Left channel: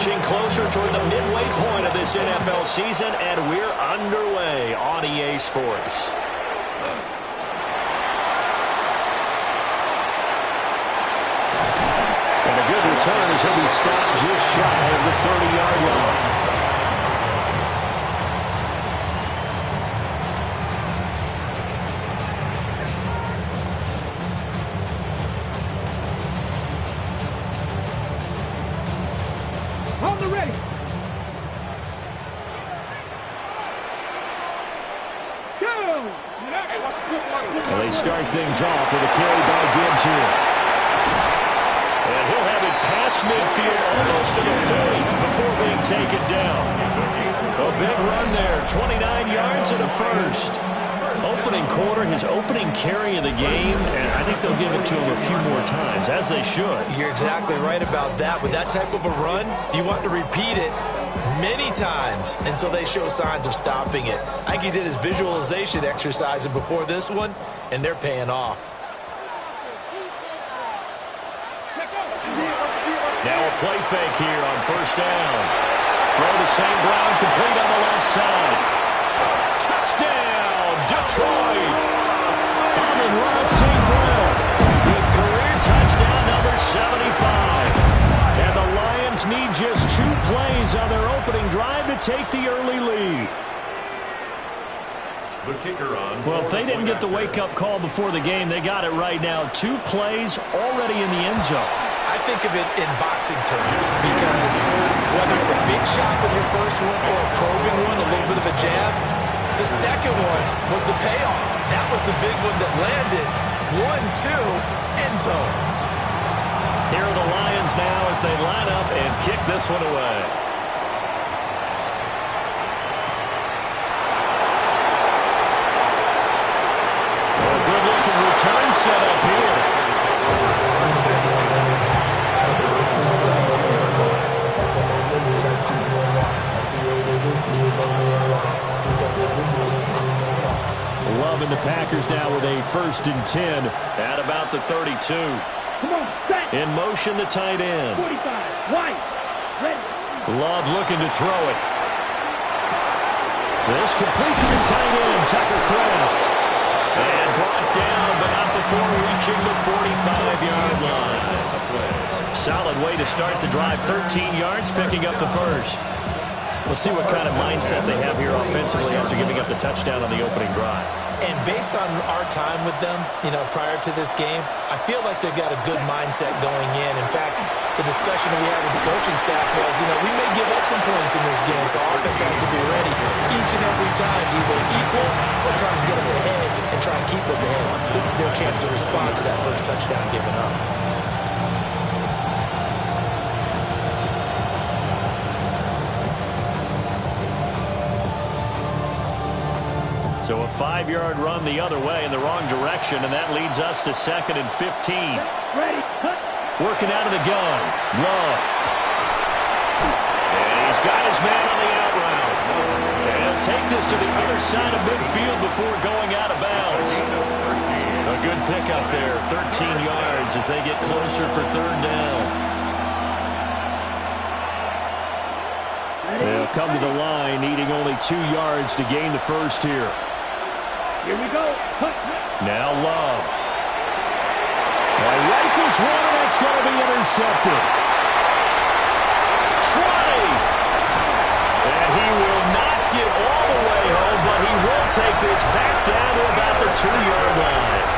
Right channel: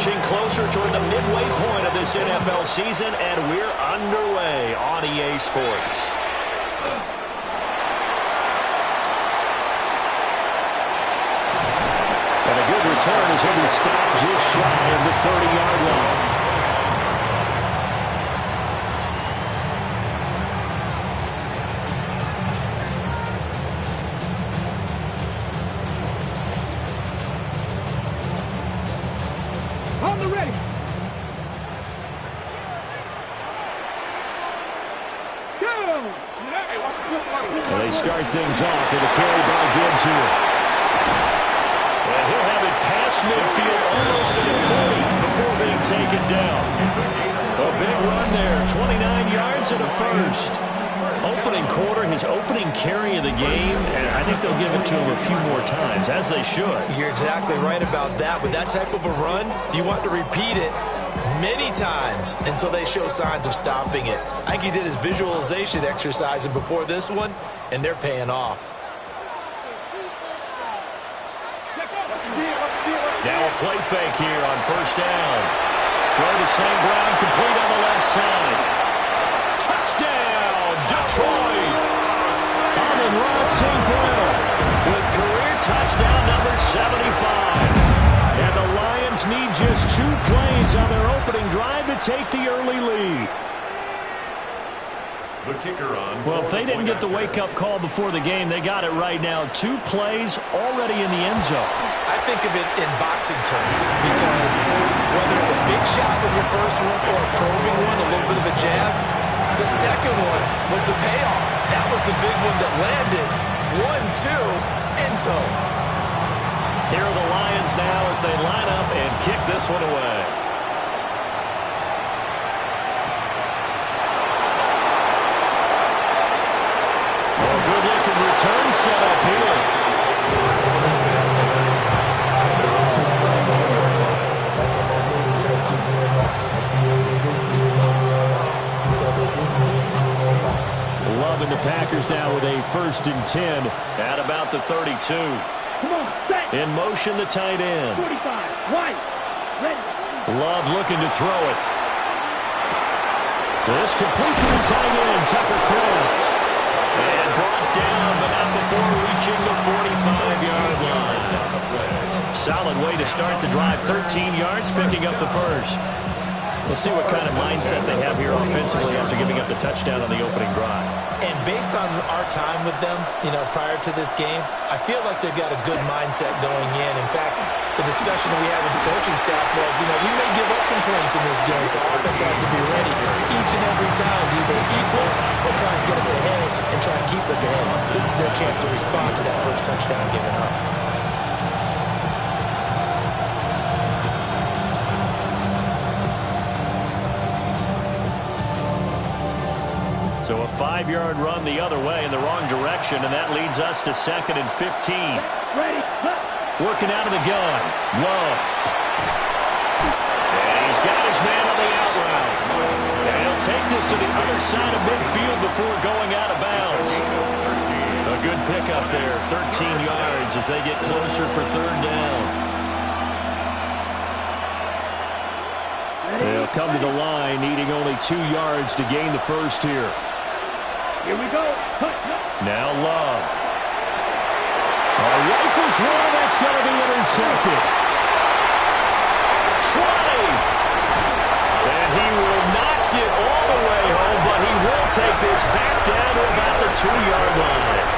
inching closer toward the midway point of this NFL season, and we're underway on EA Sports. And a good return as he'll be stopped just shy of the 30-yard line. On the ready. Go! And they start things off with a carry by Gibbs here. And he'll have it past midfield almost to the 40 before being taken down. A big run there, 29 yards and a first. Opening quarter, his opening carry of the game, and I think they'll give it to him a few more times, as they should. You're exactly right about that. With that type of a run, you want to repeat it many times until they show signs of stopping it. I think he did his visualization exercise before this one, and they're paying off. Now a play fake here on first down. Throw to St. Brown, complete on the left side. Touchdown, Detroit! Amon-Ra St. Brown with career touchdown number 75. And the Lions need just 2 plays on their opening drive to take the early lead. The kicker on. Well, if they didn't get the wake-up call before the game, they got it right now. 2 plays already in the end zone. I think of it in boxing terms because whether it's a big shot with your first one or a probing one, a little bit of a jab, the second one was the payoff. That was the big one that landed. 1-2, end zone. Here are the Lions now as they line up and kick this one away. Good-looking return set up here. Love and the Packers now with a 1st and 10 at about the 32. Come on, set. In motion, the tight end. 45, White, ready. Love looking to throw it. This complete to the tight end, Tucker Kraft. And brought down, but not before reaching the 45-yard line. Solid way to start the drive. 13 yards, picking up the first. We'll see what kind of mindset they have here offensively after giving up the touchdown on the opening drive. And based on our time with them, prior to this game, I feel like they've got a good mindset going in. In fact, the discussion that we had with the coaching staff was, we may give up some points in this game, so offense has to be ready each and every time to either equal or try and get us ahead and try and keep us ahead. This is their chance to respond to that first touchdown given up. So a 5-yard run the other way in the wrong direction, and that leads us to 2nd and 15. Ready. Working out of the gun. Love. And he's got his man on the out route. And he'll take this to the other side of midfield before going out of bounds. A good pickup there. 13 yards as they get closer for 3rd down. They'll come to the line, needing only 2 yards to gain the first here. Here we go. Now Love. Rifles one, and that's going to be intercepted. 20. And he will not get all the way home, but he will take this back down to about the 2-yard line.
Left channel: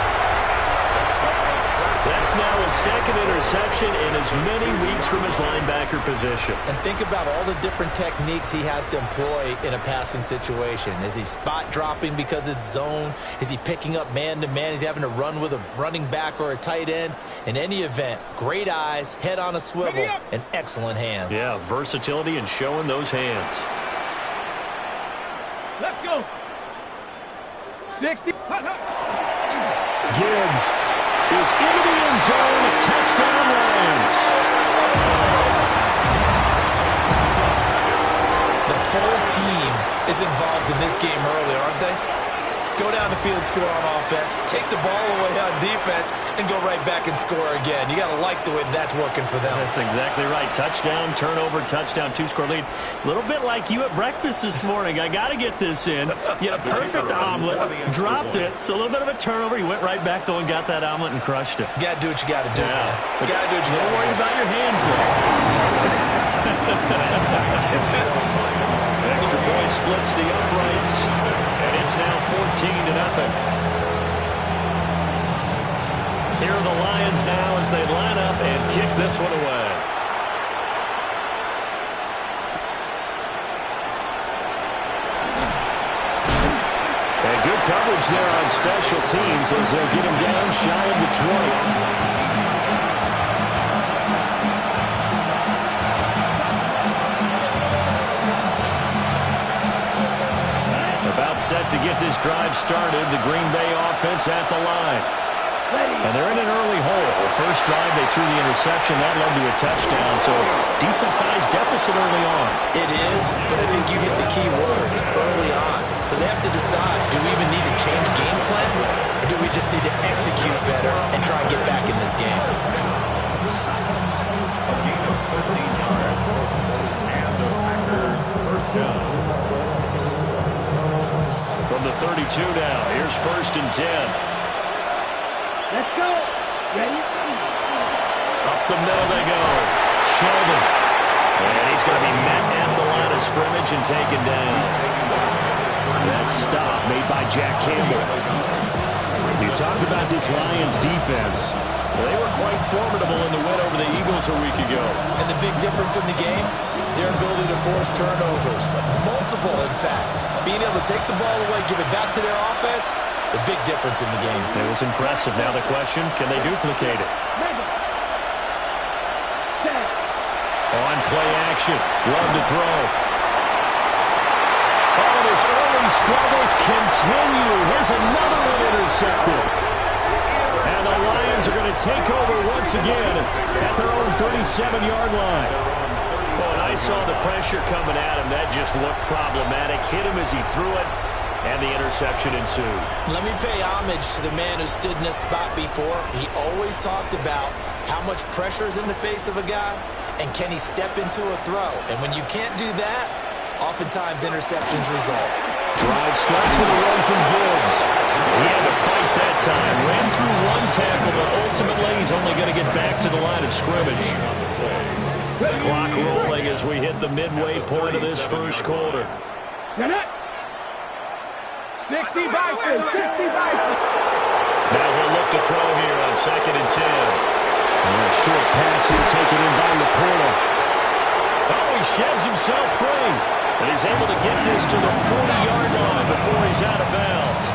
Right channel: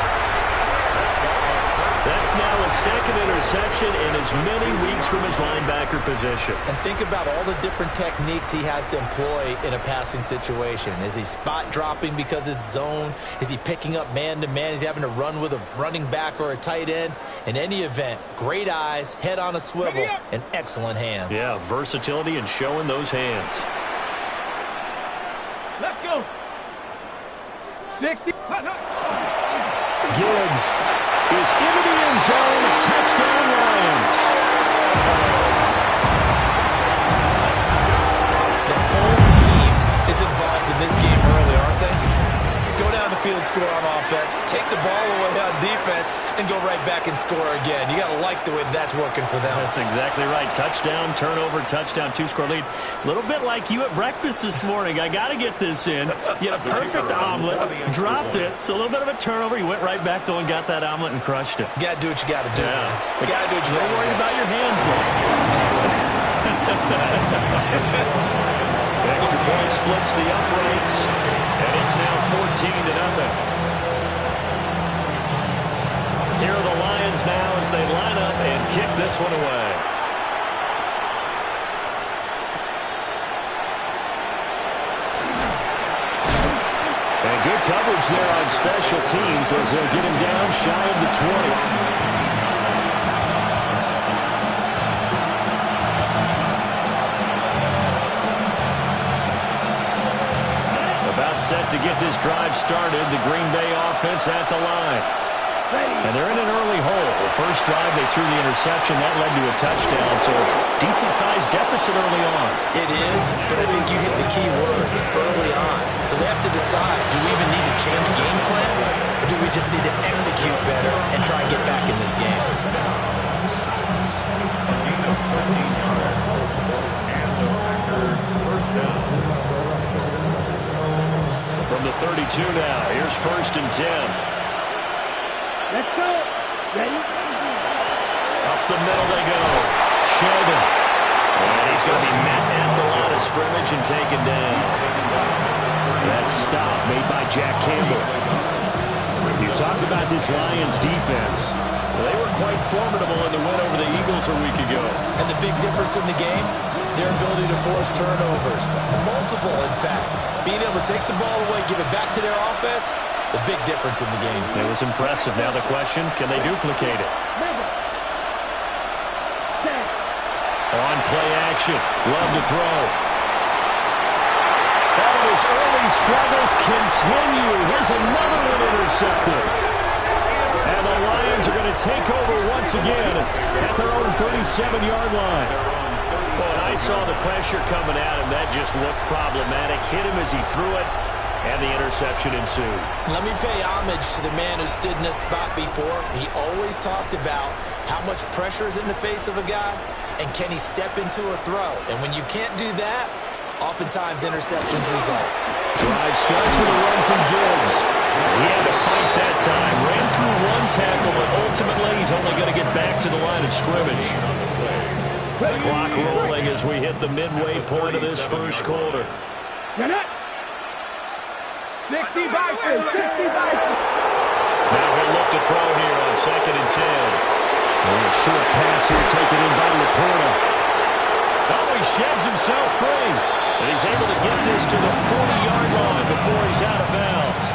That's now his 2nd interception in as many weeks from his linebacker position. And think about all the different techniques he has to employ in a passing situation. Is he spot dropping because it's zone? Is he picking up man-to-man? Is he having to run with a running back or a tight end? In any event, great eyes, head on a swivel, and excellent hands. Yeah, versatility and showing those hands. Let's go. 60. Gibbs is into the end zone. Touchdown, Lions. The full team is involved in this game early, aren't they? Go down the field, score on offense, take the ball away on defense, and go right back and score again. You got to like the way that's working for them. That's exactly right. Touchdown, turnover, touchdown, two-score lead. A little bit like you at breakfast this morning. I got to get this in. You had a perfect omelet, dropped it, so a little bit of a turnover. You went right back, though, and got that omelet and crushed it. Got to do what you got to do, man. You got to do what you got to do. Don't worry about your hands, though. Extra point splits the uprights, and it's now 14-0. Here are the Lions now as they line up and kick this one away. And good coverage there on special teams as they'll get him down shy of the 20. About set to get this drive started. The Green Bay offense at the line. And they're in an early hole. The first drive, they threw the interception. That led to a touchdown, so a decent-sized deficit early on. It is, but I think you hit the key words early on. So they have to decide, do we even need to change game plan, or do we just need to execute better and try and get back in this game? A gain of 13 yards, and the Packers first down. From the 32 now, here's 1st and 10. Let's go. Ready? Up the middle they go. Sheldon. And he's going to be met at the line of scrimmage and taken down. That stop made by Jack Campbell. You talked about this Lions defense. They were quite formidable in the win over the Eagles a week ago. And the big difference in the game, their ability to force turnovers. Multiple, in fact. Being able to take the ball away, give it back to their offense, the big difference in the game. It was impressive. Now the question, can they duplicate it? On play action. Love to throw. Oh, and his early struggles continue. Here's another one intercepted. And the Lions are going to take over once again at their own 37-yard line. Well, and I saw the pressure coming at him. That just looked problematic. Hit him as he threw it, and the interception ensued. Let me pay homage to the man who stood in this spot before. He always talked about how much pressure is in the face of a guy, and can he step into a throw. And when you can't do that, oftentimes interceptions result. Drive starts with a run from Gibbs. He had to fight that time. Ran through one tackle, but ultimately he's only going to get back to the line of scrimmage. The clock rolling as we hit the midway point of this first quarter. 60 Vikings, 60 Vikings. Now he'll look to throw here on 2nd and 10. A short pass here taken in by Laporta. Oh, he sheds himself free. And he's able to get this to the 40-yard line before he's out of bounds.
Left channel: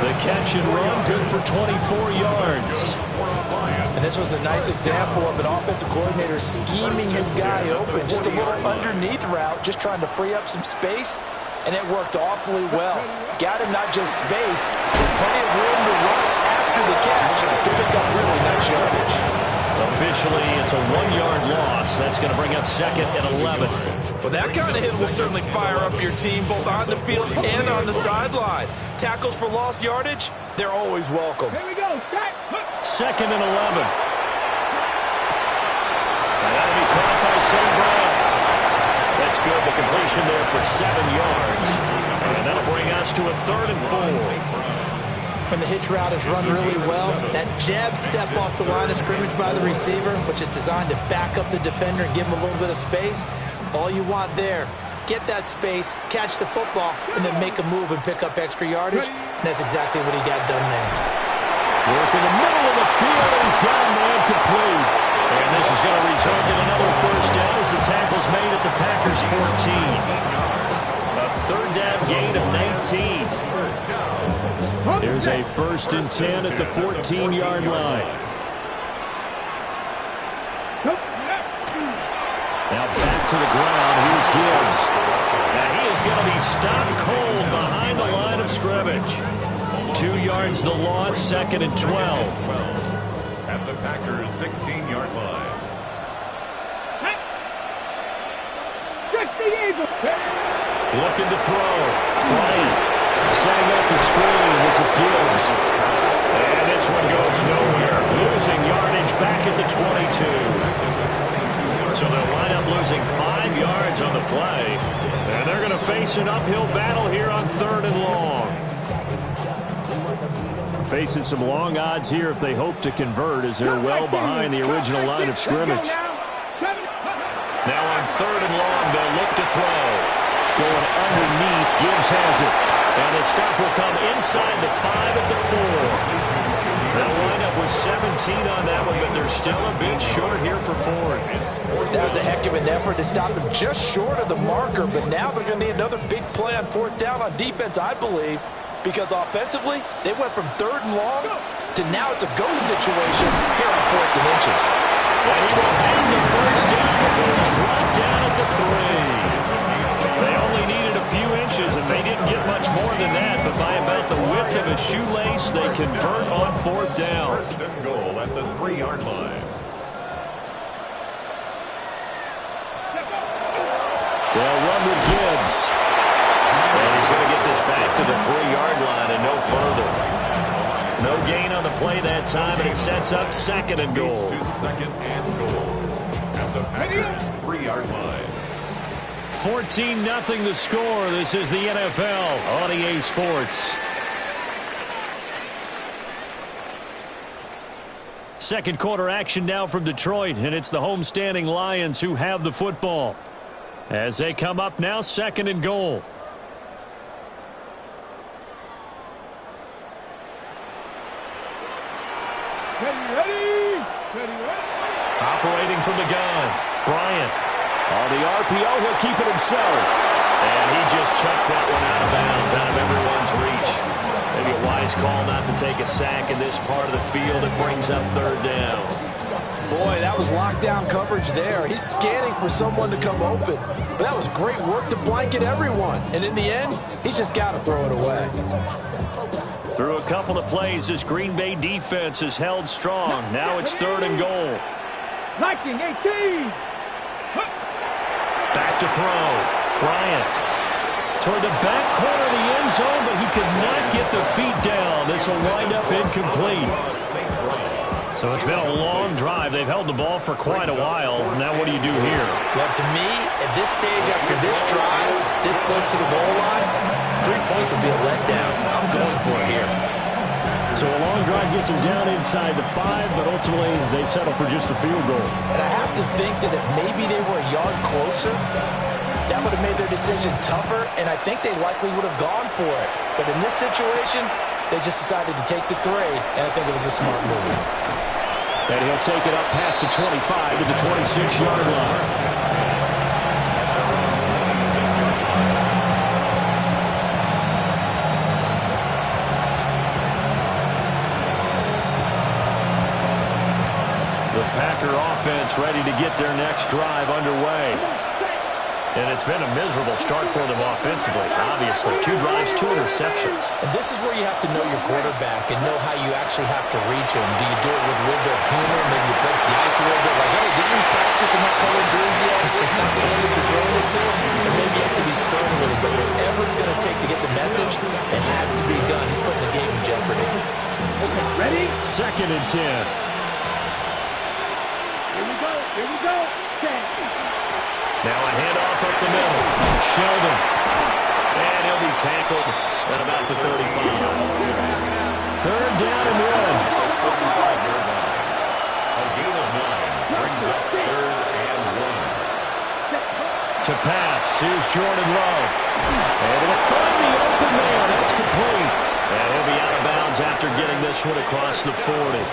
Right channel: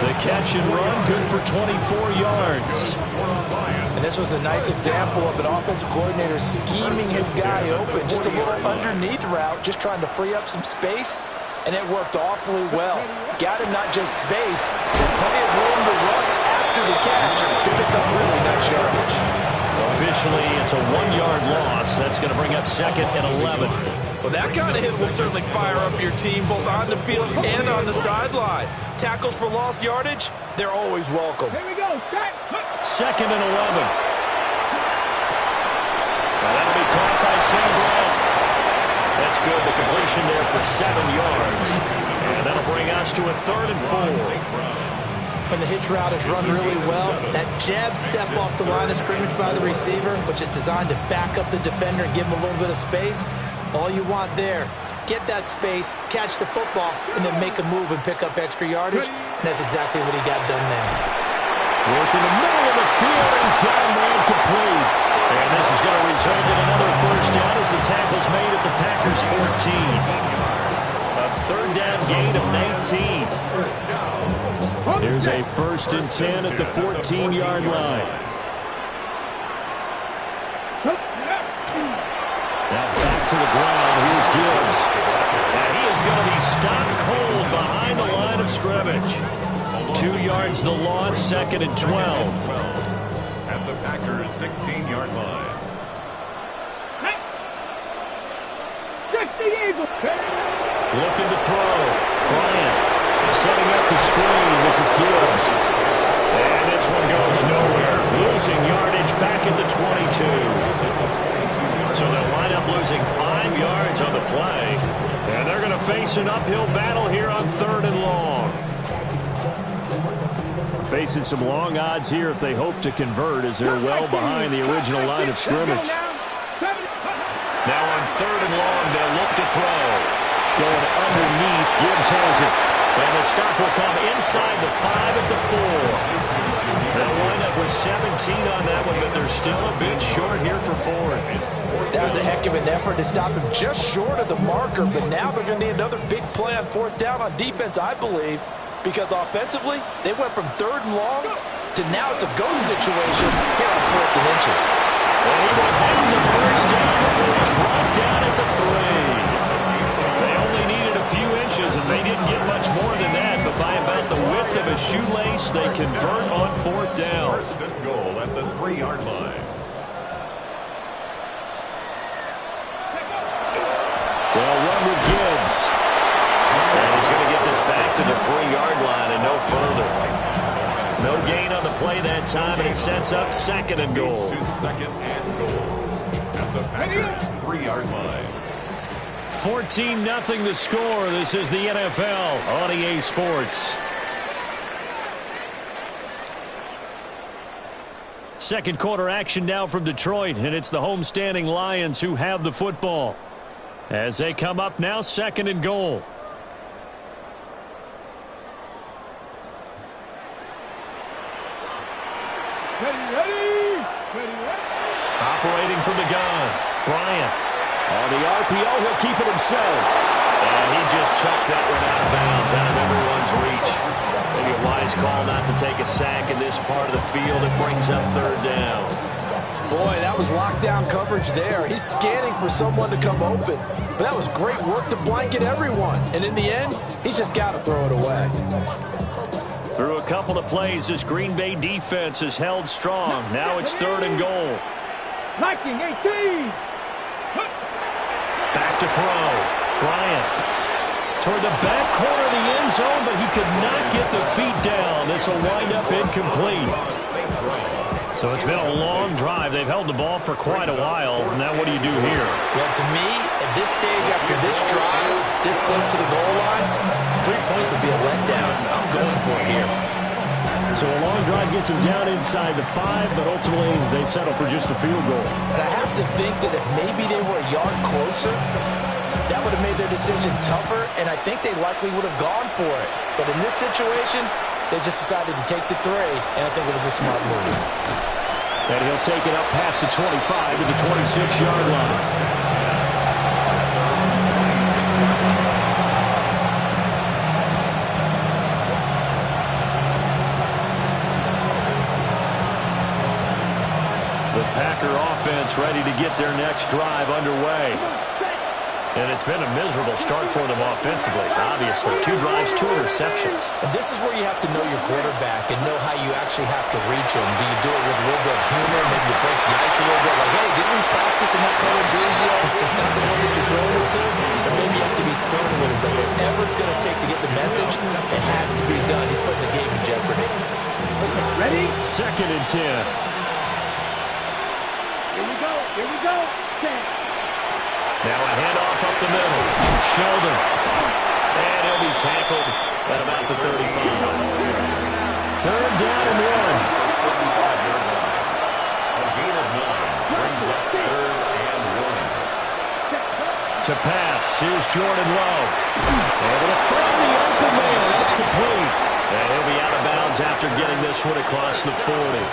The catch and run, good for 24 yards. And this was a nice example of an offensive coordinator scheming his guy open. Just a little underneath route, just trying to free up some space. And it worked awfully well. Got him not just space, but plenty of room to run after the catch to pick up really nice yardage. Officially, it's a 1-yard loss. That's going to bring up 2nd and 11. Well, that kind of hit will certainly fire up your team both on the field and on the sideline. Tackles for lost yardage, they're always welcome. Here we go. Start. 2nd and 11. Now that'll be caught by St. Brown. That's good. The completion there for 7 yards. And that'll bring us to a 3rd and 4. When the hitch route is run really well, that jab step off the line of scrimmage by the receiver, which is designed to back up the defender and give him a little bit of space, all you want there, get that space, catch the football, and then make a move and pick up extra yardage, and that's exactly what he got done there. Work in the middle of the field, and he's got a man complete. And this is going to result in another first down as the tackle's made at the Packers' 14. A 3rd down gain of 19. There's a 1st and 10 at the 14-yard line. Now back to the ground. Here's Gibbs. And he is going to be stopped cold behind the line of scrimmage. 2 yards the loss, 2nd and 12. At the Packers' 16-yard line. Just the Eagles. Looking to throw. Bryant. Setting up the screen. This is Gibbs. And this one goes nowhere. Losing yardage back at the 22. So they'll wind up losing 5 yards on the play. And they're going to face an uphill battle here on 3rd and long. Facing some long odds here if they hope to convert, as they're well behind the original line of scrimmage. Now on 3rd and long, they'll look to throw. Going underneath, Gibbs has it. And the stop will come inside the 5 at the 4. They'll wind up with 17 on that one, but they're still a bit short here for 4th. That was a heck of an effort to stop him just short of the marker, but now they're going to need another big play on 4th down on defense, I believe, because offensively, they went from 3rd and long to now it's a go situation here on 4th and inches. And he will have the first down before he's brought down at the 3. They only needed a few inches, and they didn't get much more than that, but by about the width of a shoelace, they convert on 4th down. 1st and goal at the 3-yard line. They'll run with Gibbs. And he's going to get this back to the 3-yard line and no further. No gain on the play that time, and it sets up 2nd and goal. To 2nd and goal at the Packers' 3-yard line. 14-0 the score. This is the NFL on EA Sports. Second quarter action now from Detroit, and it's the homestanding Lions who have the football. As they come up now, 2nd and goal. Ready. Operating from the gun, Bryant. On the RPO, he'll keep it himself. And he just chucked that one out of bounds, out of everyone's reach. Maybe a wise call not to take a sack in this part of the field. It brings up 3rd down. Boy, that was lockdown coverage there. He's scanning for someone to come open. But that was great work to blanket everyone. And in the end, he's just got to throw it away. Through a couple of plays, this Green Bay defense is held strong. Now it's 3rd and goal. Liking 18. Back to throw. Bryant toward the back corner of the end zone, but he could not get the feet down. This will wind up incomplete. So it's been a long drive. They've held the ball for quite a while. Now what do you do here? Well, to me, at this stage, after this drive, this close to the goal line, 3 points would be a letdown. I'm going for it here. So a long drive gets them down inside the 5, but ultimately they settle for just the field goal. And I have to think that if maybe they were a yard closer, that would have made their decision tougher, and I think they likely would have gone for it. But in this situation, they just decided to take the 3, and I think it was a smart move. And he'll take it up past the 25 to the 26-yard line. The Packer offense ready to get their next drive underway. And it's been a miserable start for them offensively, obviously. 2 drives, 2 interceptions. And this is where you have to know your quarterback and know how you actually have to reach him. Do you do it with a little bit of humor? Maybe you break the ice a little bit, like, hey, didn't we practice in that colored jersey all week? Not the one that you're throwing it to? Or maybe you have to be stern with him. But whatever it's going to take to get the message, it has to be done. He's putting the game in jeopardy. Okay, ready? 2nd and 10. Here we go. 10. Now a handoff up the middle. Sheldon. And he'll be tackled at about the 35. 3rd down and 1. A gain of 9 brings up 3rd and 1. To pass, here's Jordan Love. Able to find the open man. That's complete. And he'll be out of bounds after getting this one across the 40.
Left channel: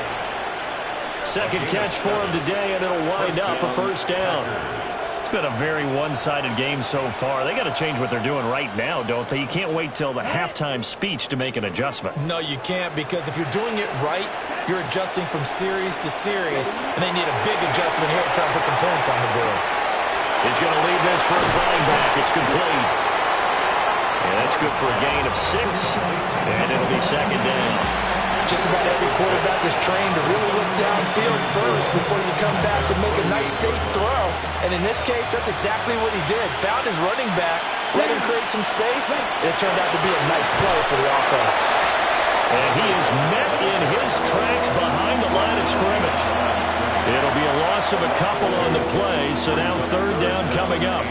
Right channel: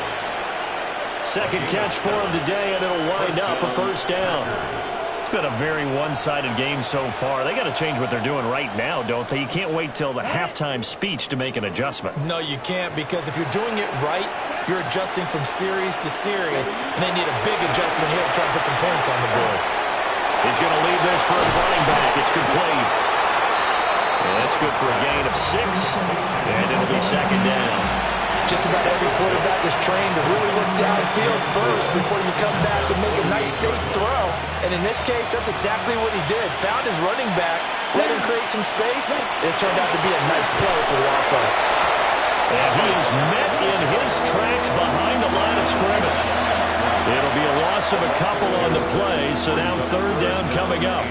2nd catch for him today, and it'll wind up a 1st down. It's been a very one-sided game so far. They got to change what they're doing right now, don't they? You can't wait till the halftime speech to make an adjustment. No, you can't, because if you're doing it right, you're adjusting from series to series, and they need a big adjustment here to try and put some points on the board. He's going to leave this for his running back. It's complete. And that's good for a gain of 6, and it'll be 2nd down. Just about every quarterback is trained to really look downfield first before you come back and make a nice, safe throw. And in this case, that's exactly what he did. Found his running back, let him create some space, and it turned out to be a nice play for the offense. And he is met in his tracks behind the line of scrimmage. It'll be a loss of a couple on the play, so now third down coming up.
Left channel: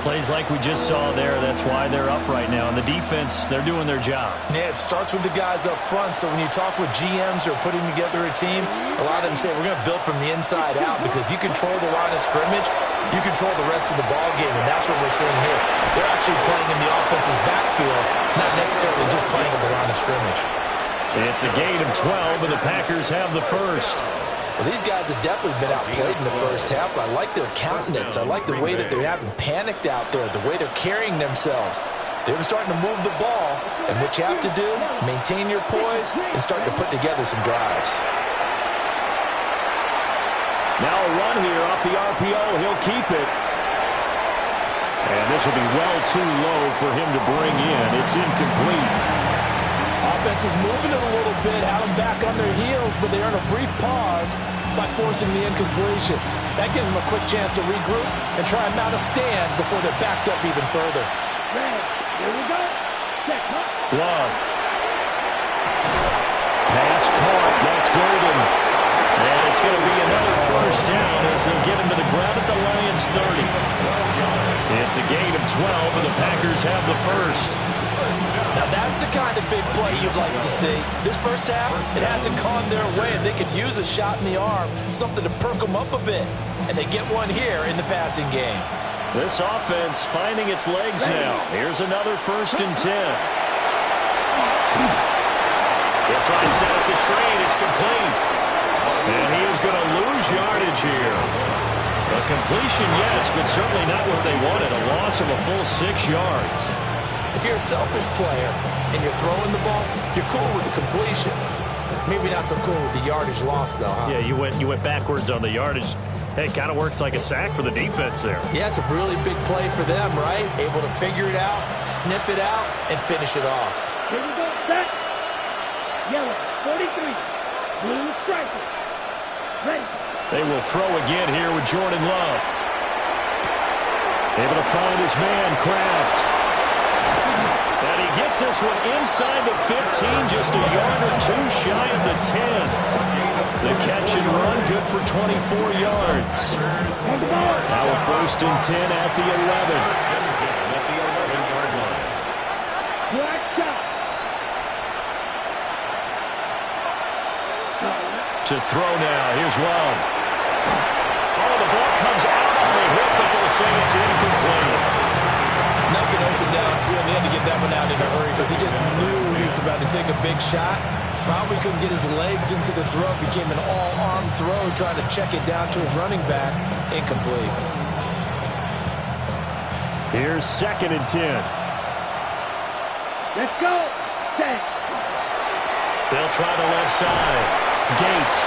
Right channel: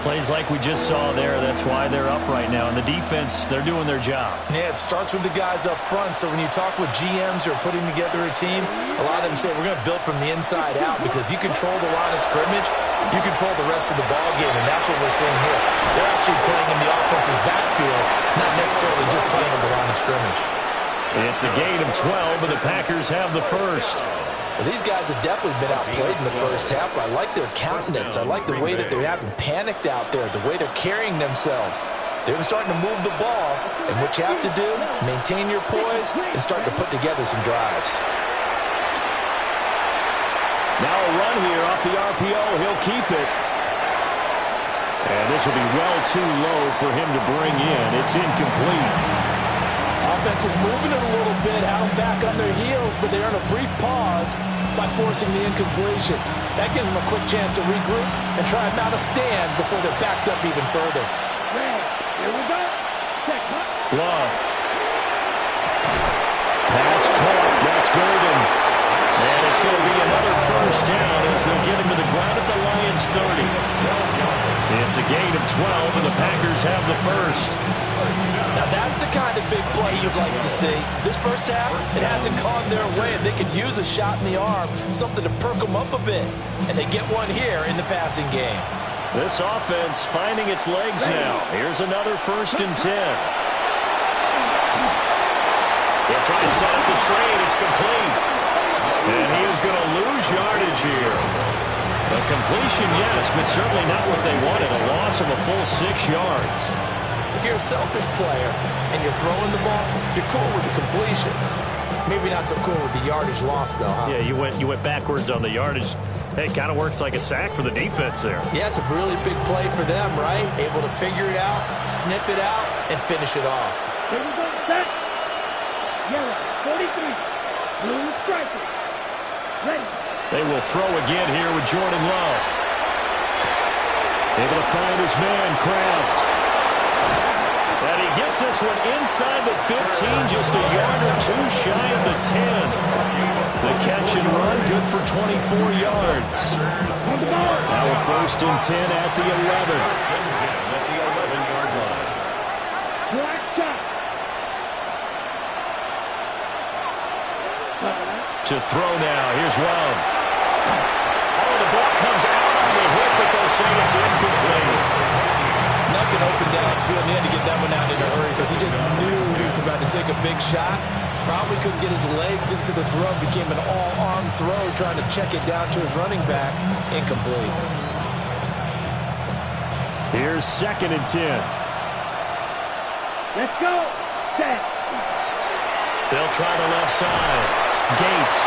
Plays like we just saw there, that's why they're up right now. And the defense, they're doing their job. Yeah, it starts with the guys up front, so when you talk with GMs who are putting together a team, a lot of them say we're going to build from the inside out, because if you control the line of scrimmage, you control the rest of the ball game, and that's what we're seeing here. They're actually playing in the offense's backfield, not necessarily just playing at the line of scrimmage. It's a gain of 12, and the Packers have the first. Well, these guys have definitely been outplayed in the first half, but I like their countenance. I like the way that they haven't panicked out there, the way they're carrying themselves. They're starting to move the ball, and what you have to do, maintain your poise and start to put together some drives. Now a run here off the RPO. He'll keep it. And this will be well too low for him to bring in. It's incomplete. Offense is moving it a little bit, had them back on their heels, but they earn a brief pause by forcing the incompletion. That gives them a quick chance to regroup and try and mount a stand before they're backed up even further. Red, here we go. Check, huh? Love. Pass caught. That's Golden. And it's going to be another first down as they'll get him to the ground at the Lions 30. It's a gain of 12, and the Packers have the first. Now that's the kind of big play you'd like to see. This first half, it hasn't gone their way, and they could use a shot in the arm, something to perk them up a bit. And they get one here in the passing game. This offense finding its legs now. Here's another 1st and 10. They'll try and set up the screen. It's complete. And he is going to lose yardage here. A completion, yes, but certainly not what they wanted. A loss of a full 6 yards. If you're a selfish player and you're throwing the ball, you're cool with the completion. Maybe not so cool with the yardage loss, though, huh? Yeah, you went backwards on the yardage. Hey, it kind of works like a sack for the defense there. Yeah, it's a really big play for them, right? Able to figure it out, sniff it out, and finish it off. Here we go, set. Yellow, 43. Blue striker. Ready. They will throw again here with Jordan Love. Able to find his man, Kraft. And he gets this one inside the 15, just a yard or two shy of the 10. The catch and run, good for 24 yards. Now a 1st and 10 at the 11. 1st and 10 at the 11-yard line. Black shot. To throw now, here's Love. Oh, the ball comes out on the hit, but they'll say it's incomplete. Nothing open downfield, and he had to get that one out in a hurry because he just knew he was about to take a big shot. Probably couldn't get his legs into the throw. Became an all-arm throw, trying to check it down to his running back. Incomplete. Here's 2nd and 10. Let's go. Set. They'll try the left side. Gates.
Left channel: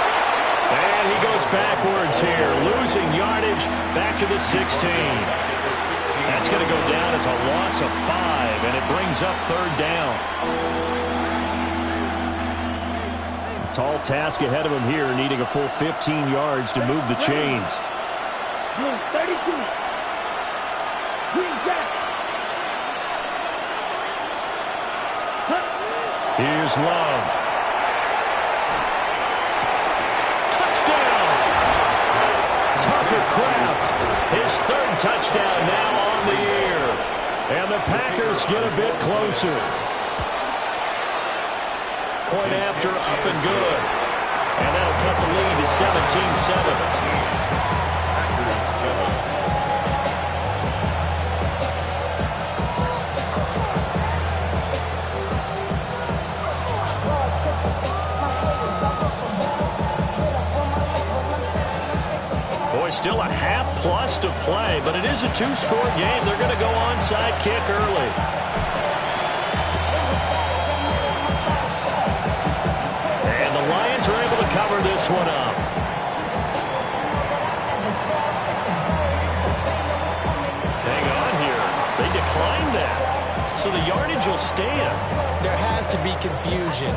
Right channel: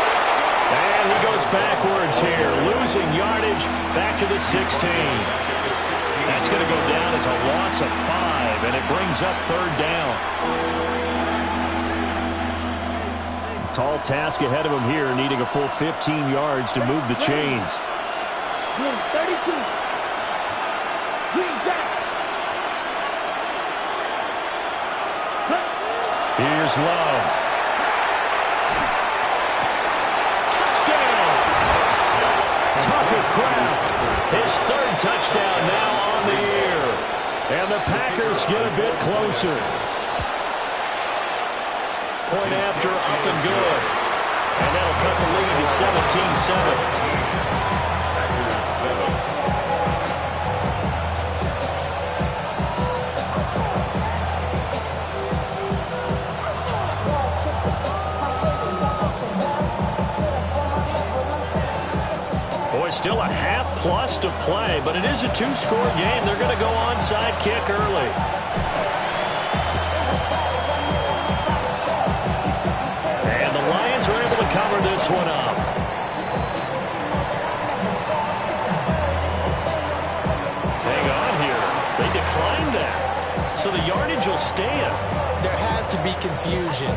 And he goes backwards here, losing yardage back to the 16. That's going to go down as a loss of 5, and it brings up 3rd down. Tall task ahead of him here, needing a full 15 yards to move the chains. Blue 32. Green jack. Here's Love. Touchdown! Tucker Kraft, his 3rd touchdown now on the year. And the Packers get a bit closer. Point after, up and good. And that'll cut the lead to 17-7. Packers 7. Boy, still a half-plus to play, but it is a 2-score game. They're going to go onside kick early. And the Lions are able to cover this one up. Hang on here. They declined that. So the yardage will stand. there has to be confusion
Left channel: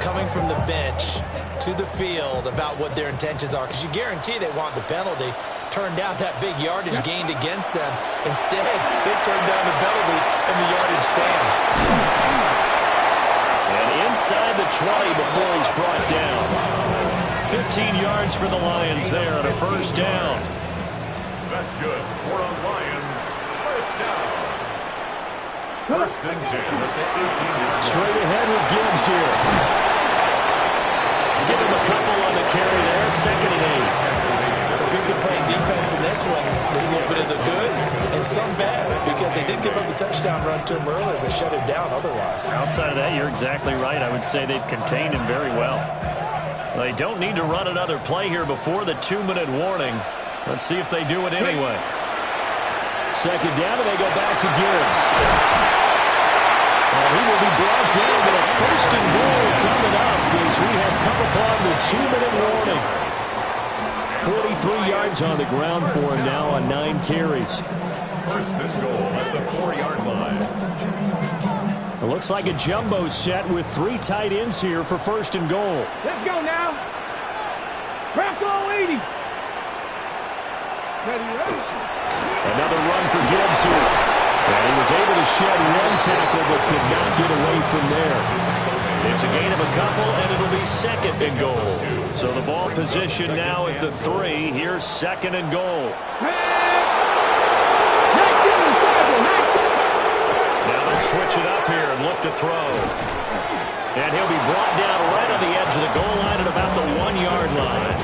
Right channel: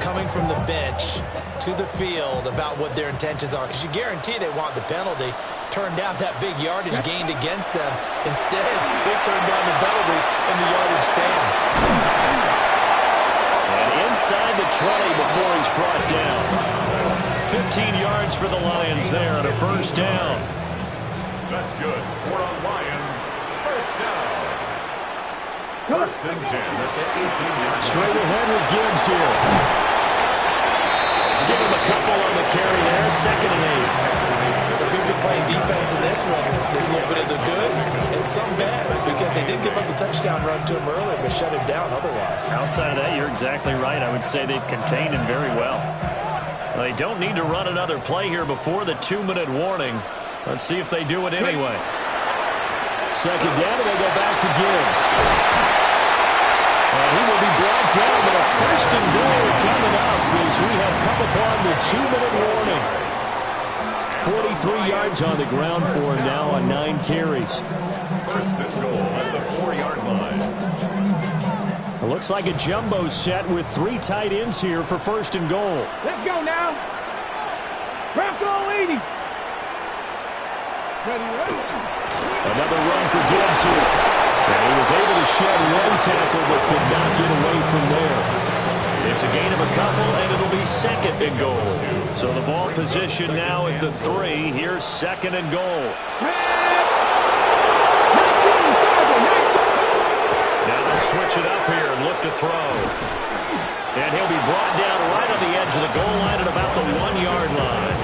coming from the bench to the field about what their intentions are, because you guarantee they want the penalty. Turn down that big yardage gained against them. Instead, they turn down the penalty and the yardage stands. And inside the 20 before he's brought down. 15 yards for the Lions there on a first down. That's good. For the Lions, first down. First and 10 at the 18-yard line. Straight ahead with Gibbs here. Give him a couple on the carry there. 2nd and 8. So people playing defense in this one, there's a little bit of the good and some bad, because they did give up the touchdown run to him earlier, but shut him down otherwise. Outside of that, you're exactly right. I would say they've contained him very well. They don't need to run another play here before the 2-minute warning. Let's see if they do it anyway. 2nd down, and they go back to Gibbs. And he will be brought down, but a 1st and goal coming up as we have come upon the 2-minute warning. 43 yards on the ground for him now on 9 carries. First and goal at the 4-yard line. It looks like a jumbo set with 3 tight ends here for 1st and goal. Let's go now. Bronco 80. Ready. Another run for Gibbs here. And he was able to shed 1 tackle but could not get away from there. It's a gain of a couple, and it'll be 2nd and goal. So the ball position now at the 3. Here's 2nd and goal. Now they'll switch it up here and look to throw. And he'll be brought down right on the edge of the goal line at about the 1-yard line.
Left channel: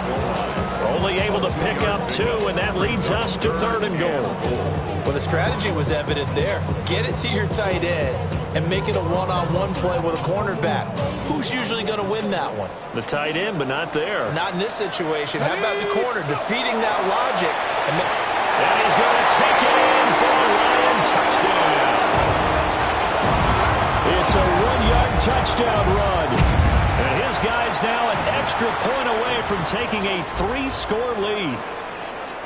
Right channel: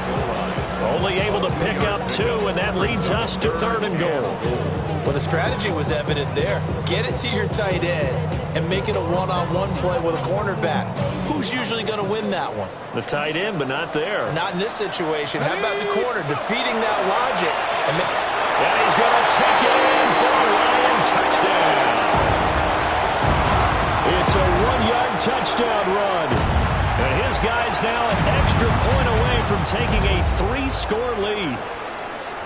Only able to pick up 2, and that leads us to 3rd and goal. Well, the strategy was evident there. Get it to your tight end and make it a one-on-one play with a cornerback. Who's usually going to win that one? The tight end, but not there. Not in this situation. How about the corner defeating that logic? And he's going to take it in for a Lion touchdown. It's a 1-yard touchdown run. And his guy's now an extra point away from taking a 3-score lead.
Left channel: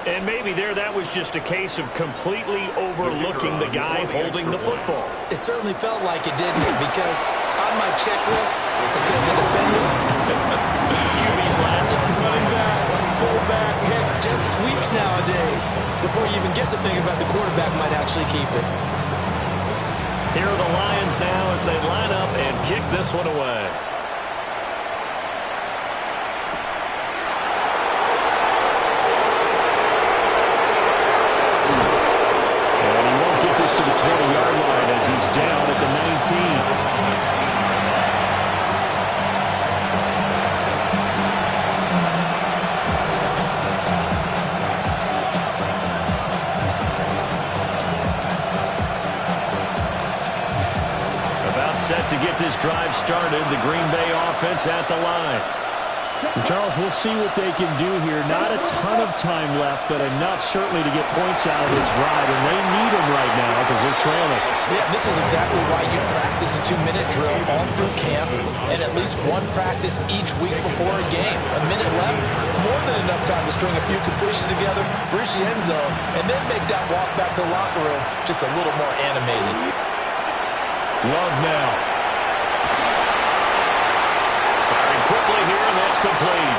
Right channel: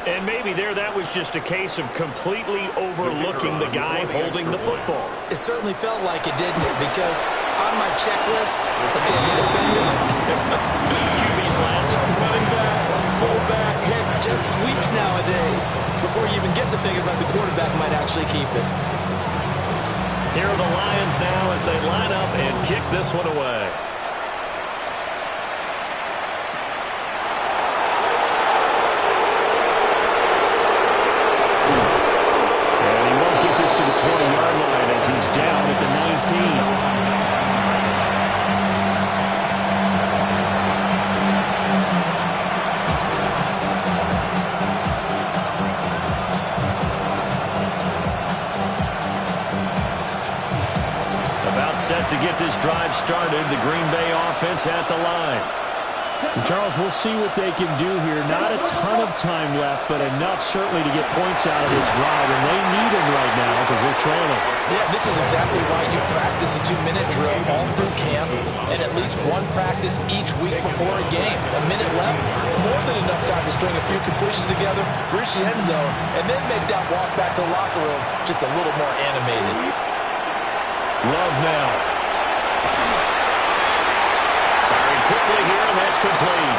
And maybe there that was just a case of completely overlooking the guy holding the football. It certainly felt like it, didn't it? Because on my checklist, okay, as a defender, QB's last. running back, fullback, heck, jet sweeps nowadays. Before you even get to thinking about the quarterback might actually keep it. Here are the Lions now as they line up and kick this one away. To the 20-yard line as he's down at the 19. About set to get this drive started. The Green Bay offense at the line. And Charles, we'll see what they can do here. Not a ton of time left, but enough certainly to get points out of this drive, and they need them right now because they're trailing. Yeah, this is exactly why you practice a 2-minute drill all through camp and at least one practice each week before a game. A minute left, more than enough time to string a few completions together, reach the end zone, and then make that walk back to the locker room just a little more animated. Love now. Quickly here, and that's complete.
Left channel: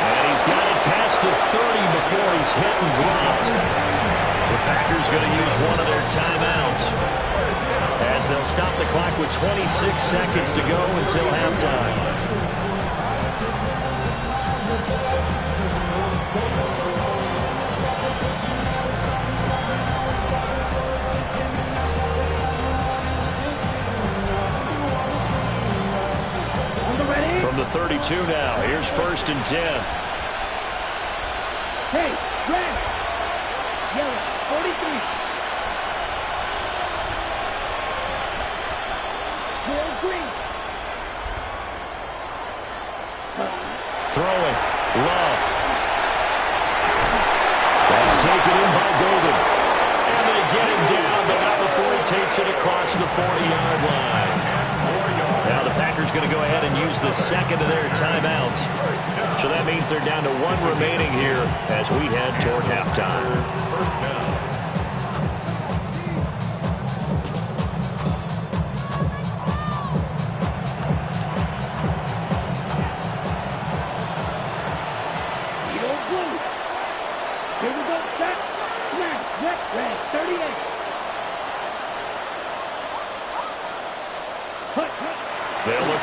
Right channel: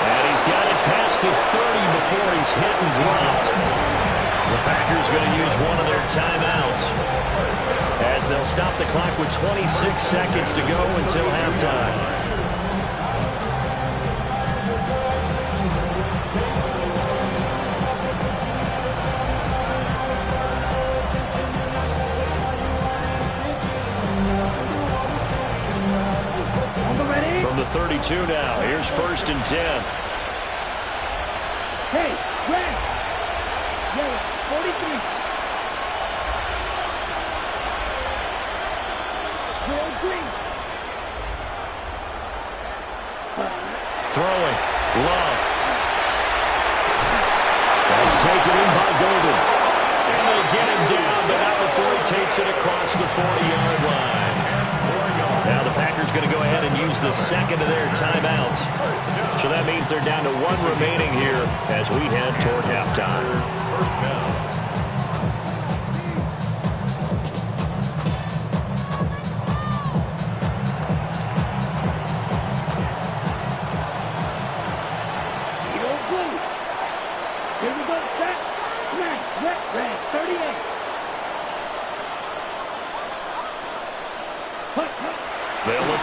And he's got it past the 30 before he's hit and dropped. The Packers going to use one of their timeouts as they'll stop the clock with 26 seconds to go until halftime. From the 32 now, here's 1st and 10. Hey, red, yellow, 43. Real green. Throwing, Love. That's taken in by Golden. And they get him down, but not before he takes it across the 40-yard line. Now the Packers going to go ahead and use the second of their timeouts. So that means they're down to 1 remaining here as we head toward halftime. First down.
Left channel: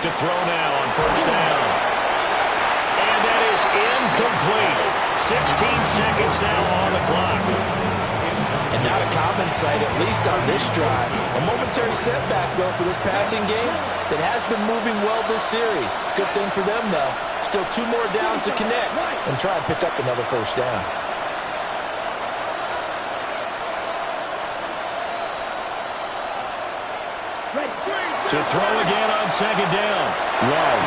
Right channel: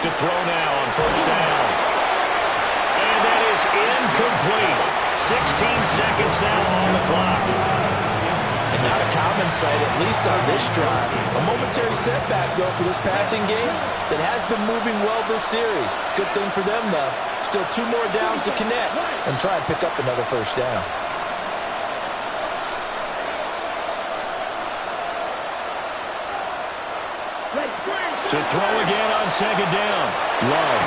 to throw now on first down. And that is incomplete. 16 seconds now on the clock. And not a common sight, at least on this drive. A momentary setback, though, for this passing game that has been moving well this series. Good thing for them, though. Still 2 more downs to connect and try and pick up another first down. To throw again on second down. Love.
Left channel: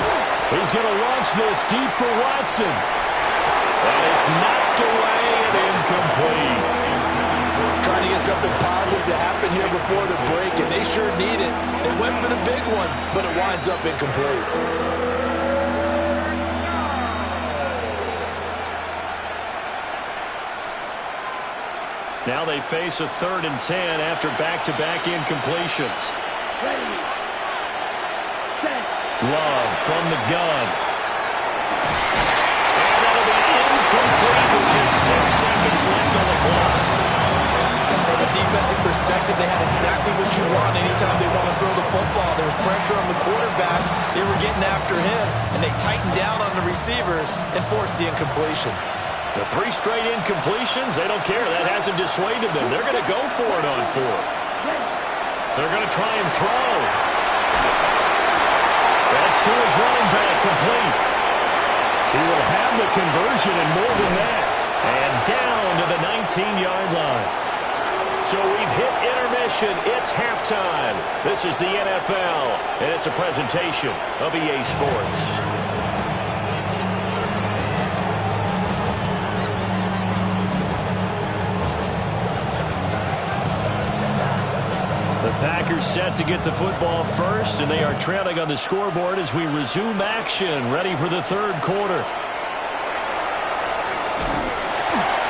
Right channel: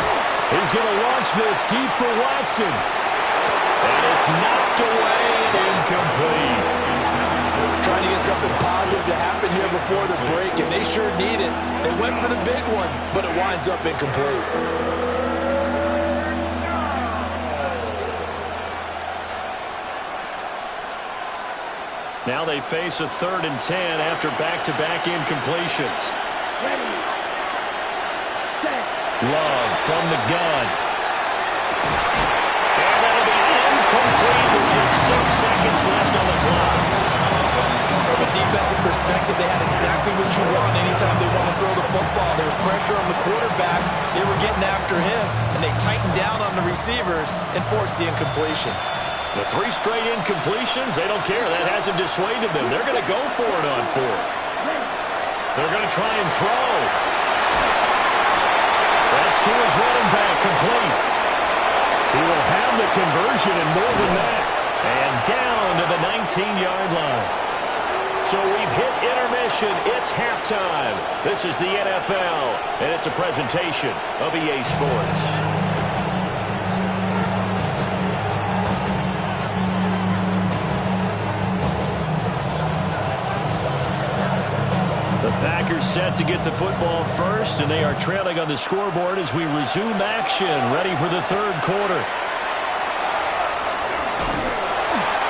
He's going to launch this deep for Watson. And it's knocked away and incomplete. Trying to get something positive to happen here before the break, and they sure need it. They went for the big one, but it winds up incomplete. Now they face a 3rd and 10 after back-to-back incompletions. Ready. Set. Love from the gun. And that'll be incomplete with just 6 seconds left on the clock. From a defensive perspective, they had exactly what you want anytime they want to throw the football. There was pressure on the quarterback. They were getting after him, and they tightened down on the receivers and forced the incompletion. The 3 straight incompletions, they don't care. That hasn't dissuaded them. They're going to go for it on 4th. They're going to try and throw. That's to his running back, complete. He will have the conversion and more than that. And down to the 19-yard line. So we've hit intermission. It's halftime. This is the NFL, and it's a presentation of EA Sports. The Packers set to get the football first, and they are trailing on the scoreboard as we resume action, ready for the 3rd quarter.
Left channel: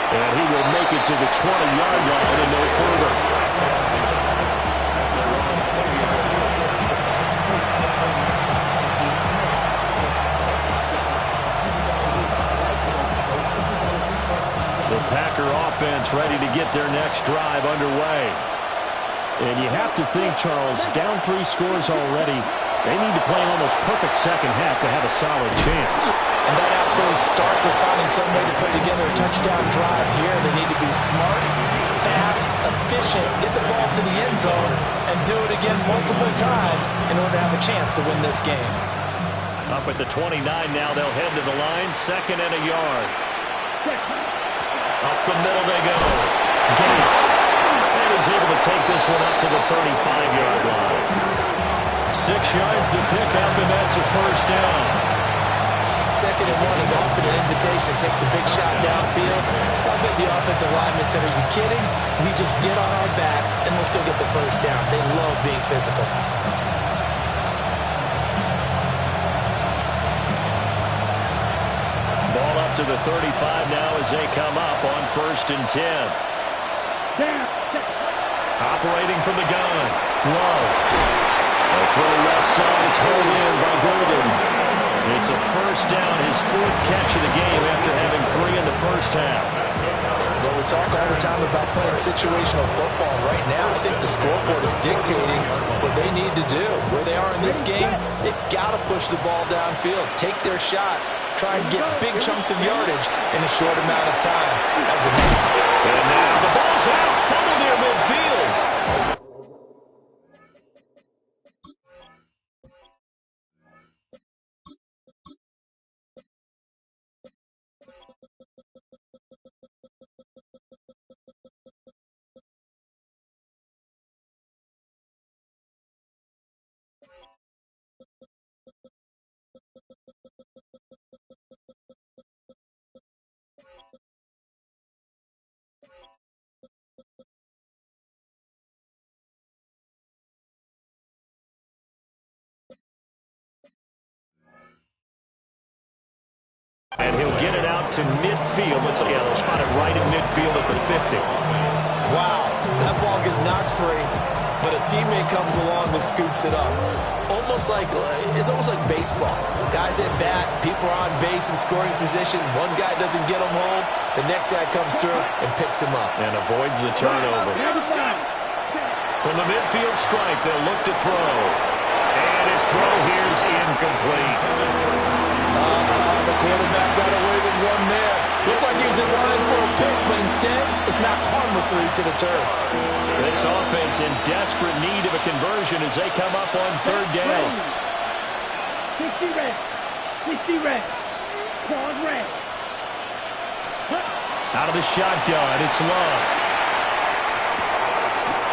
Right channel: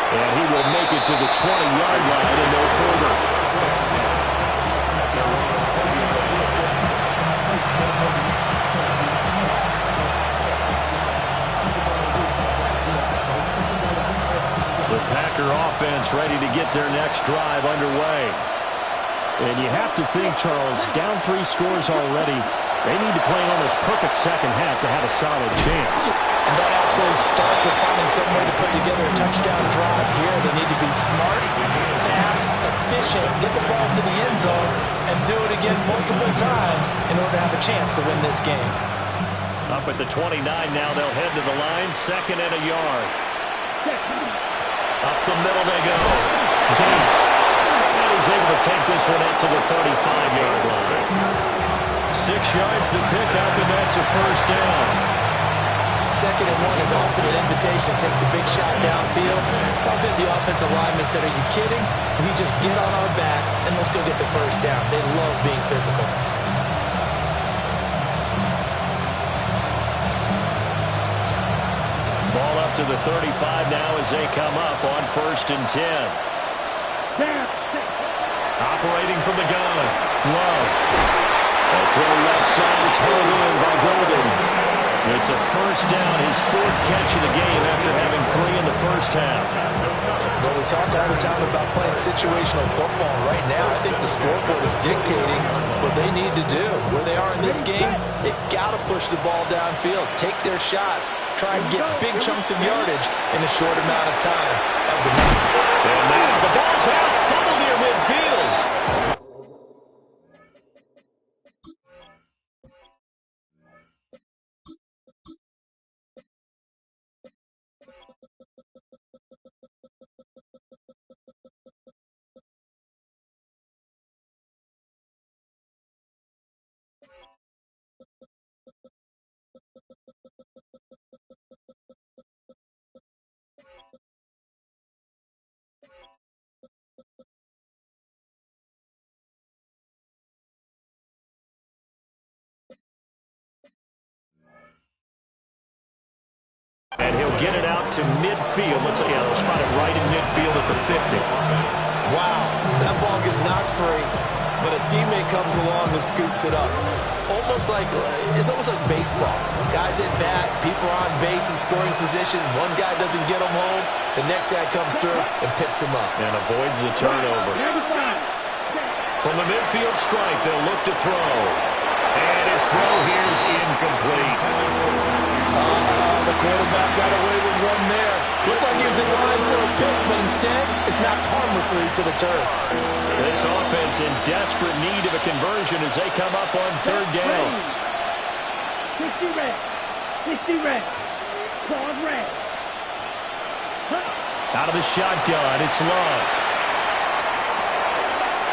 And he will make it to the 20-yard line and no further. The Packer offense ready to get their next drive underway. And you have to think, Charles, down 3 scores already. They need to play an almost perfect second half to have a solid chance. And that absolutely starts with finding some way to put together a touchdown drive here. They need to be smart, fast, efficient, get the ball to the end zone, and do it again multiple times in order to have a chance to win this game. Up at the 29 now, they'll head to the line, 2nd and a yard. Up the middle they go. Gates. And he's able to take this one up to the 35-yard line. 6 yards to pick up, and that's a first down. 2nd and 1 is often an invitation to take the big shot downfield. I bet the offensive lineman said, "Are you kidding? We just get on our backs and let's go get the first down." They love being physical. Ball up to the 35 now as they come up on 1st and 10. Operating from the gun. Love. A throw left side. It's held in by Golden. It's a first down, his 4th catch of the game after having 3 in the first half. Well, we talk all the time about playing situational football. Right now, I think the scoreboard is dictating what they need to do. Where they are in this game, they've got to push the ball downfield, take their shots, try and get big chunks of yardage in a short amount of time. That was enough. And now the ball's out, fumble near midfield. And he'll get it out to midfield. Let's say, yeah, they'll spot it right in midfield at the 50. Wow, that ball gets knocked free, but a teammate comes along and scoops it up. It's almost like baseball. Guys at bat, people are on base in scoring position. One guy doesn't get him home, the next guy comes through and picks him up. And avoids the turnover. From the midfield stripe, they'll look to throw. And his throw here's incomplete. The quarterback got away with one there. Looked like he was in line for a pick, but instead, it's knocked harmlessly to the turf. This offense in desperate need of a conversion as they come up on third down. 60 red. 60 red. Pause red. Out of the shotgun, it's Love.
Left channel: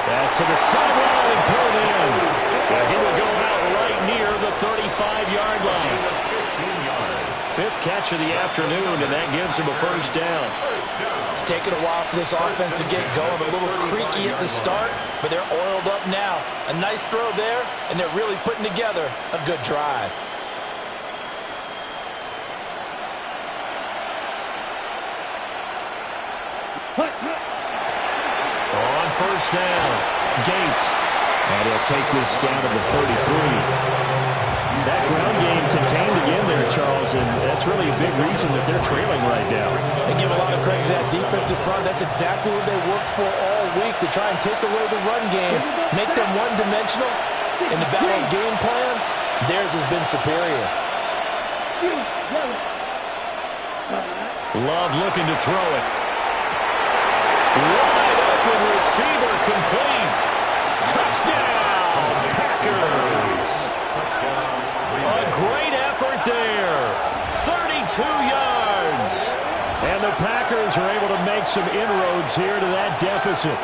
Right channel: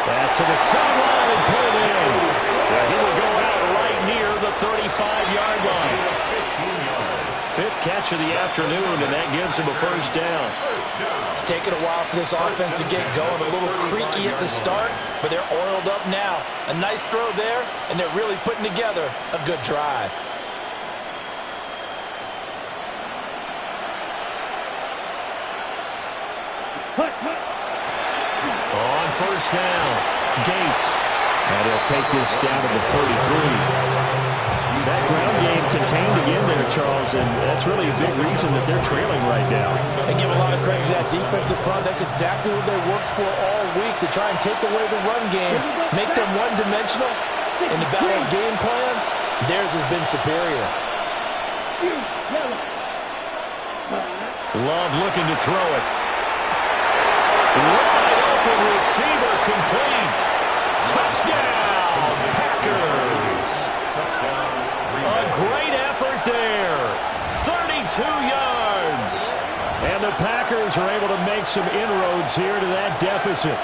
Pass to the sideline and pulled in. Yeah, he will go out right near the 35-yard line. 15 yards. Fifth catch of the afternoon, and that gives him a first down. It's taken a while for this offense to get going. A little creaky at the start, but they're oiled up now. A nice throw there, and they're really putting together a good drive. On first down, Gates. And he'll take this down to the 33. That ground game contained again there, Charles, and that's really a big reason that they're trailing right now. They give a lot of credit to that defensive front. That's exactly what they worked for all week, to try and take away the run game, make them one-dimensional. In the battle of game plans, theirs has been superior. Love looking to throw it. Wide open receiver complete. Touchdown, Packers. Touchdown. A great effort there. 32 yards. And the Packers are able to make some inroads here to that deficit.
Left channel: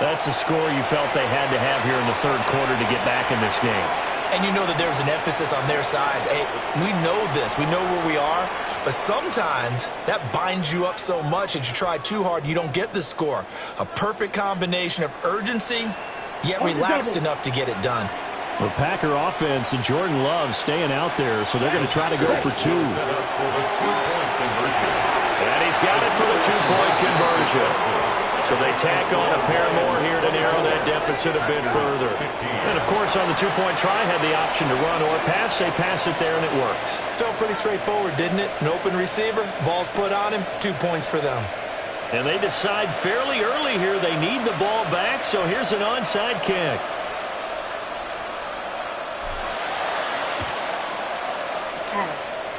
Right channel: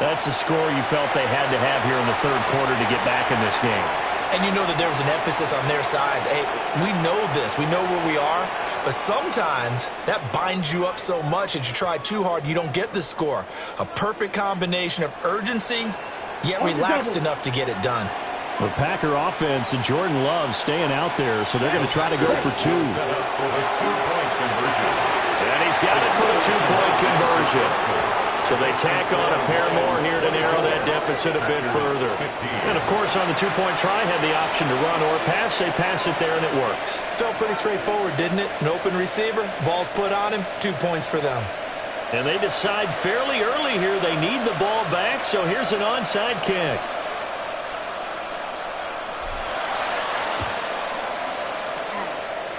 That's a score you felt they had to have here in the third quarter to get back in this game. And you know that there was an emphasis on their side. Hey, we know this. We know where we are. But sometimes that binds you up so much that you try too hard, you don't get the score. A perfect combination of urgency, yet relaxed enough to get it done. The Packer offense and Jordan Love staying out there, so they're going to try to go for two. Set up for the two-point conversion. And he's got it for the two-point conversion. So they tack on a pair more here to narrow that deficit a bit further. And, of course, on the two-point try, had the option to run or pass. They pass it there, and it works. Felt pretty straightforward, didn't it? An open receiver, ball's put on him, 2 points for them. And they decide fairly early here they need the ball back, so here's an onside kick.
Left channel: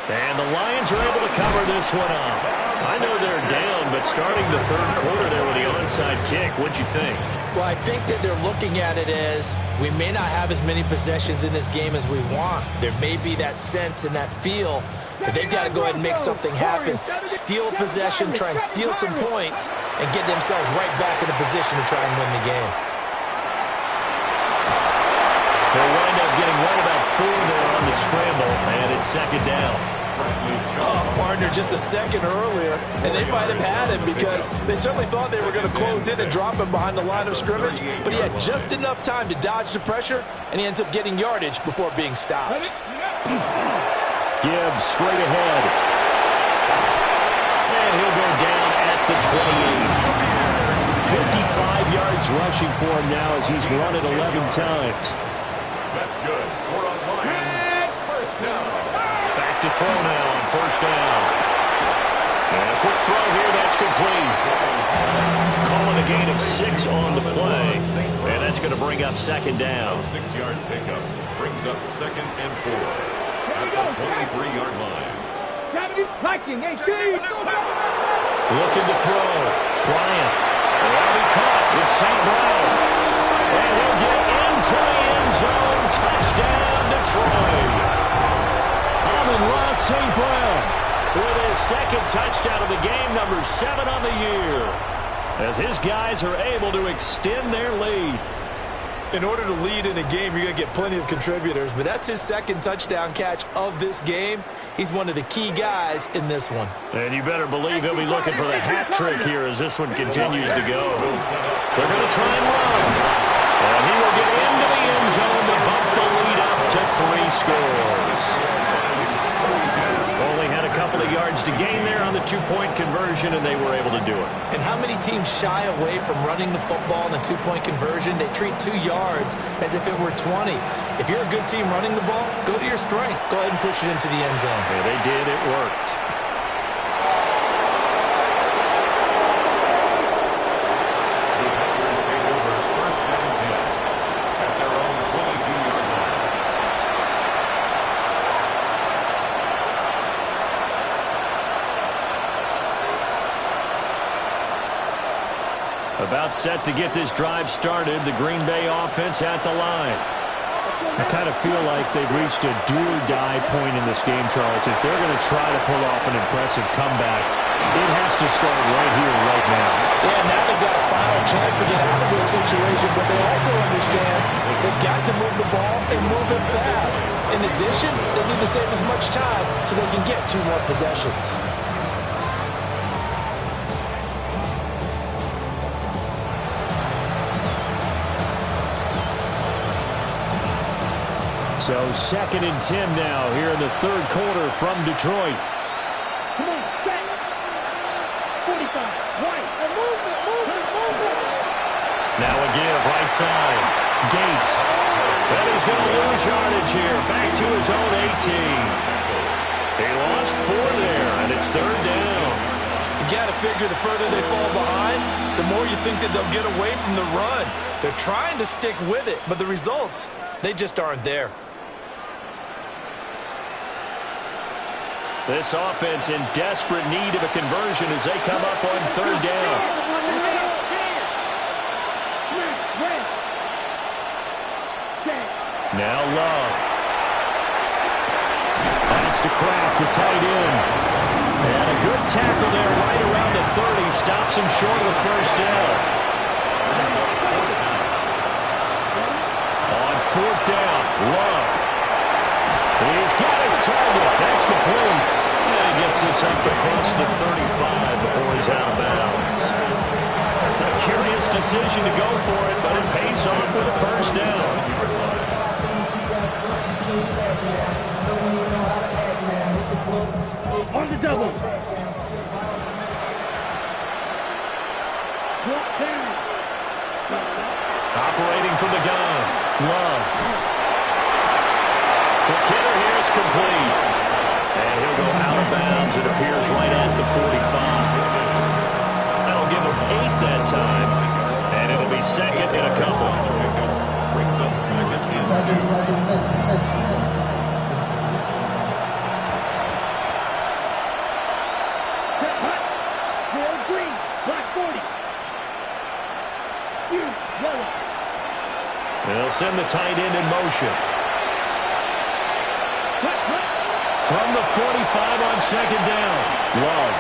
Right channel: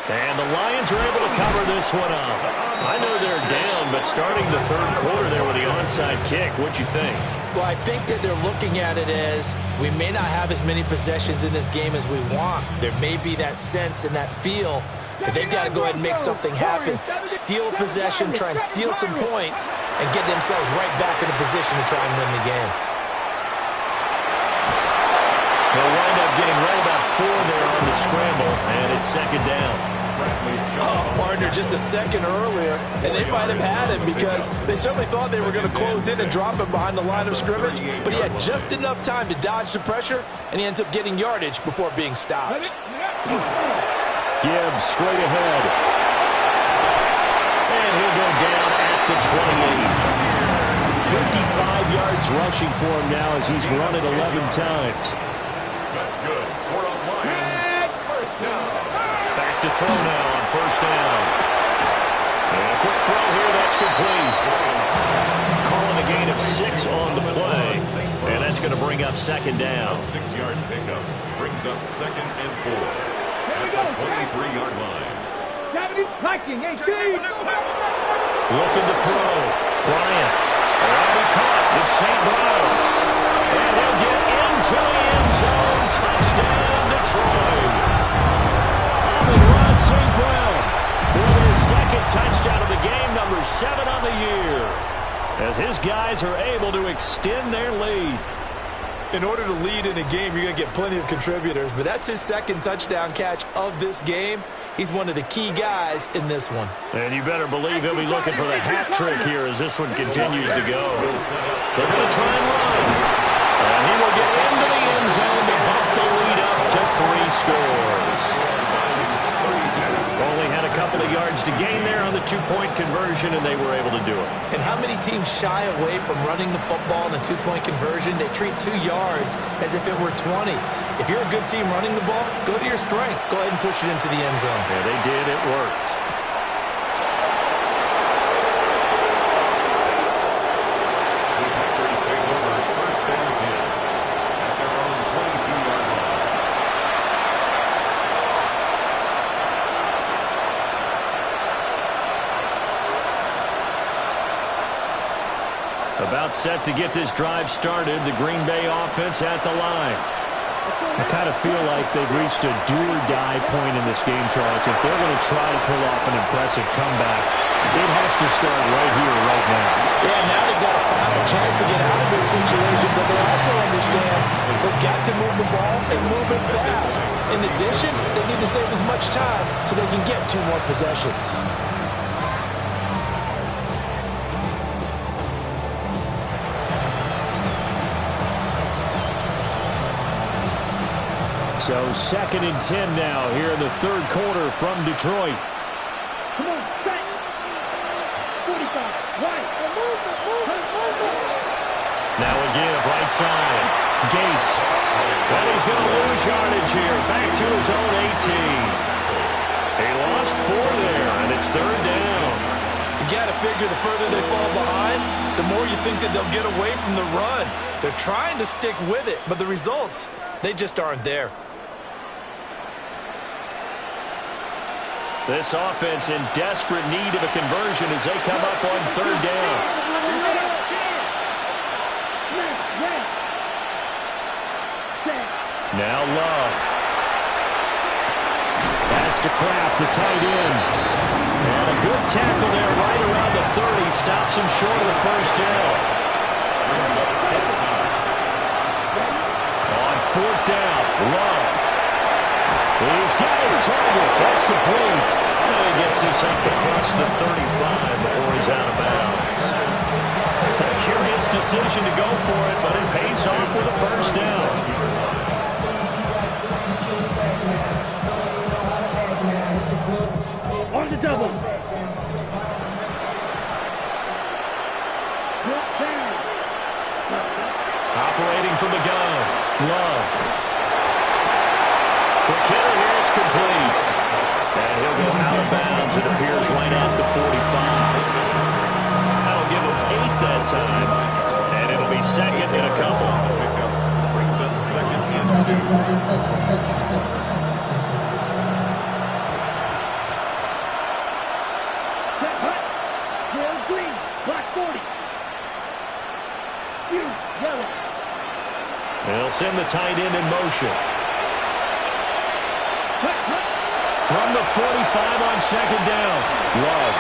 And the Lions are able to cover this one up. I know they're down, but starting the third quarter there with the onside kick, what'd you think? Well, I think that they're looking at it as we may not have as many possessions in this game as we want. There may be that sense and that feel that they've got to go ahead and make something happen. Steal a possession, try and steal some points, and get themselves right back in a position to try and win the game. He'll wind up getting right about 4 there on the scramble, and it's second down. Oh, partner, just a second earlier, and they might have had him because they certainly thought they were going to close in and drop him behind the line of scrimmage, but he had just enough time to dodge the pressure, and he ends up getting yardage before being stopped. Gibbs straight ahead. And he'll go down at the 28. 55 yards rushing for him now as he's run it 11 times. That's good. 4 on Lions. First down. Back to throw now on first down. And a quick throw here, that's complete. Calling a gain of 6 on the play. And that's going to bring up second down. A 6-yard pickup brings up second and 4 at the 23-yard line. Looking to throw. Bryant. That'll be caught. It's St. Brown. And he'll get into the end zone. Touchdown, Detroit. Amon-Ra St. Brown with his second touchdown of the game, number 7 on the year, as his guys are able to extend their lead. In order to lead in a game, you're going to get plenty of contributors, but that's his second touchdown catch of this game. He's one of the key guys in this one. And you better believe he'll be looking for the hat trick here as this one continues to go. They're going to try and run. And he will get into the end zone to bump the lead up to 3 scores. Only had a couple of yards to gain there on the two-point conversion, and they were able to do it. And how many teams shy away from running the football in a two-point conversion? They treat 2 yards as if it were 20. If you're a good team running the ball, go to your strength. Go ahead and push it into the end zone. Yeah, they did. It worked. The Packers take over first and 10 at their own 22-yard line. About set to get this drive started. The Green Bay offense at the line. I kind of feel like they've reached a do-or-die point in this game, Charles. If they're going to try to pull off an impressive comeback, it has to start right here, right now. Yeah, now they've got a final chance to get out of this situation, but they also understand they've got to move the ball and move it fast. In addition, they need to save as much time so they can get 2 more possessions. So 2nd and 10 now here in the 3rd quarter from Detroit. Come on, set. 45, right. Move. Now a give, right side. Gates. And he's going to lose yardage here. Back to his own 18. He lost 4 there, and it's 3rd down. You got to figure the further they fall behind, the more you think that they'll get away from the run. They're trying to stick with it, but the results, they just aren't there. This offense in desperate need of a conversion as they come up on 3rd down. Now Love. That's to Kraft, the tight end. And a good tackle there right around the 30. Stops him short of the 1st down. On 4th down, Love. He's got his target. That's complete. And he gets this up across the 35 before he's out of bounds. A curious decision to go for it, but it pays off with a 1st down. On the double. Operating from the gun. Love. Quick hitter here. It's complete. And he'll go out of bounds. It appears right at the 45. That'll give him 8 that time. And it'll be 2nd in a couple. Brings up 2nd and 2. Green, black 40. Yellow. They'll send the tight end in motion. From the 45 on 2nd down. Love.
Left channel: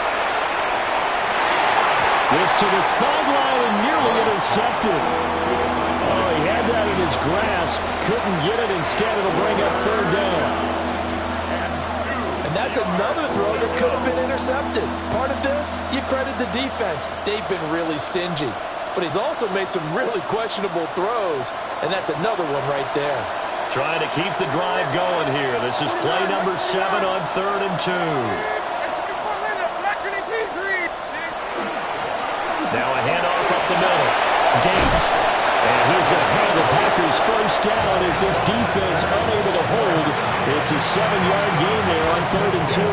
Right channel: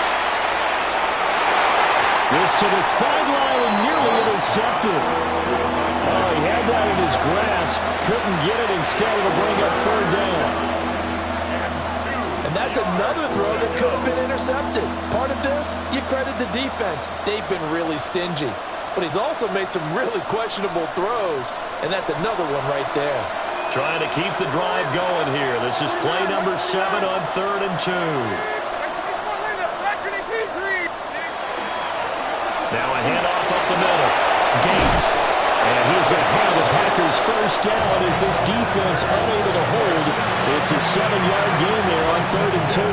This to the sideline and nearly intercepted. Oh, he had that in his grasp. Couldn't get it. Instead, it'll bring up 3rd down. And that's another throw that could have been intercepted. Part of this, you credit the defense. They've been really stingy. But he's also made some really questionable throws. And that's another one right there. Trying to keep the drive going here. This is play number 7 on 3rd and 2. Now a handoff up the middle. Gates. And he's going to have the Packers' 1st down as this defense unable to hold. It's a 7-yard gain there on 3rd and 2.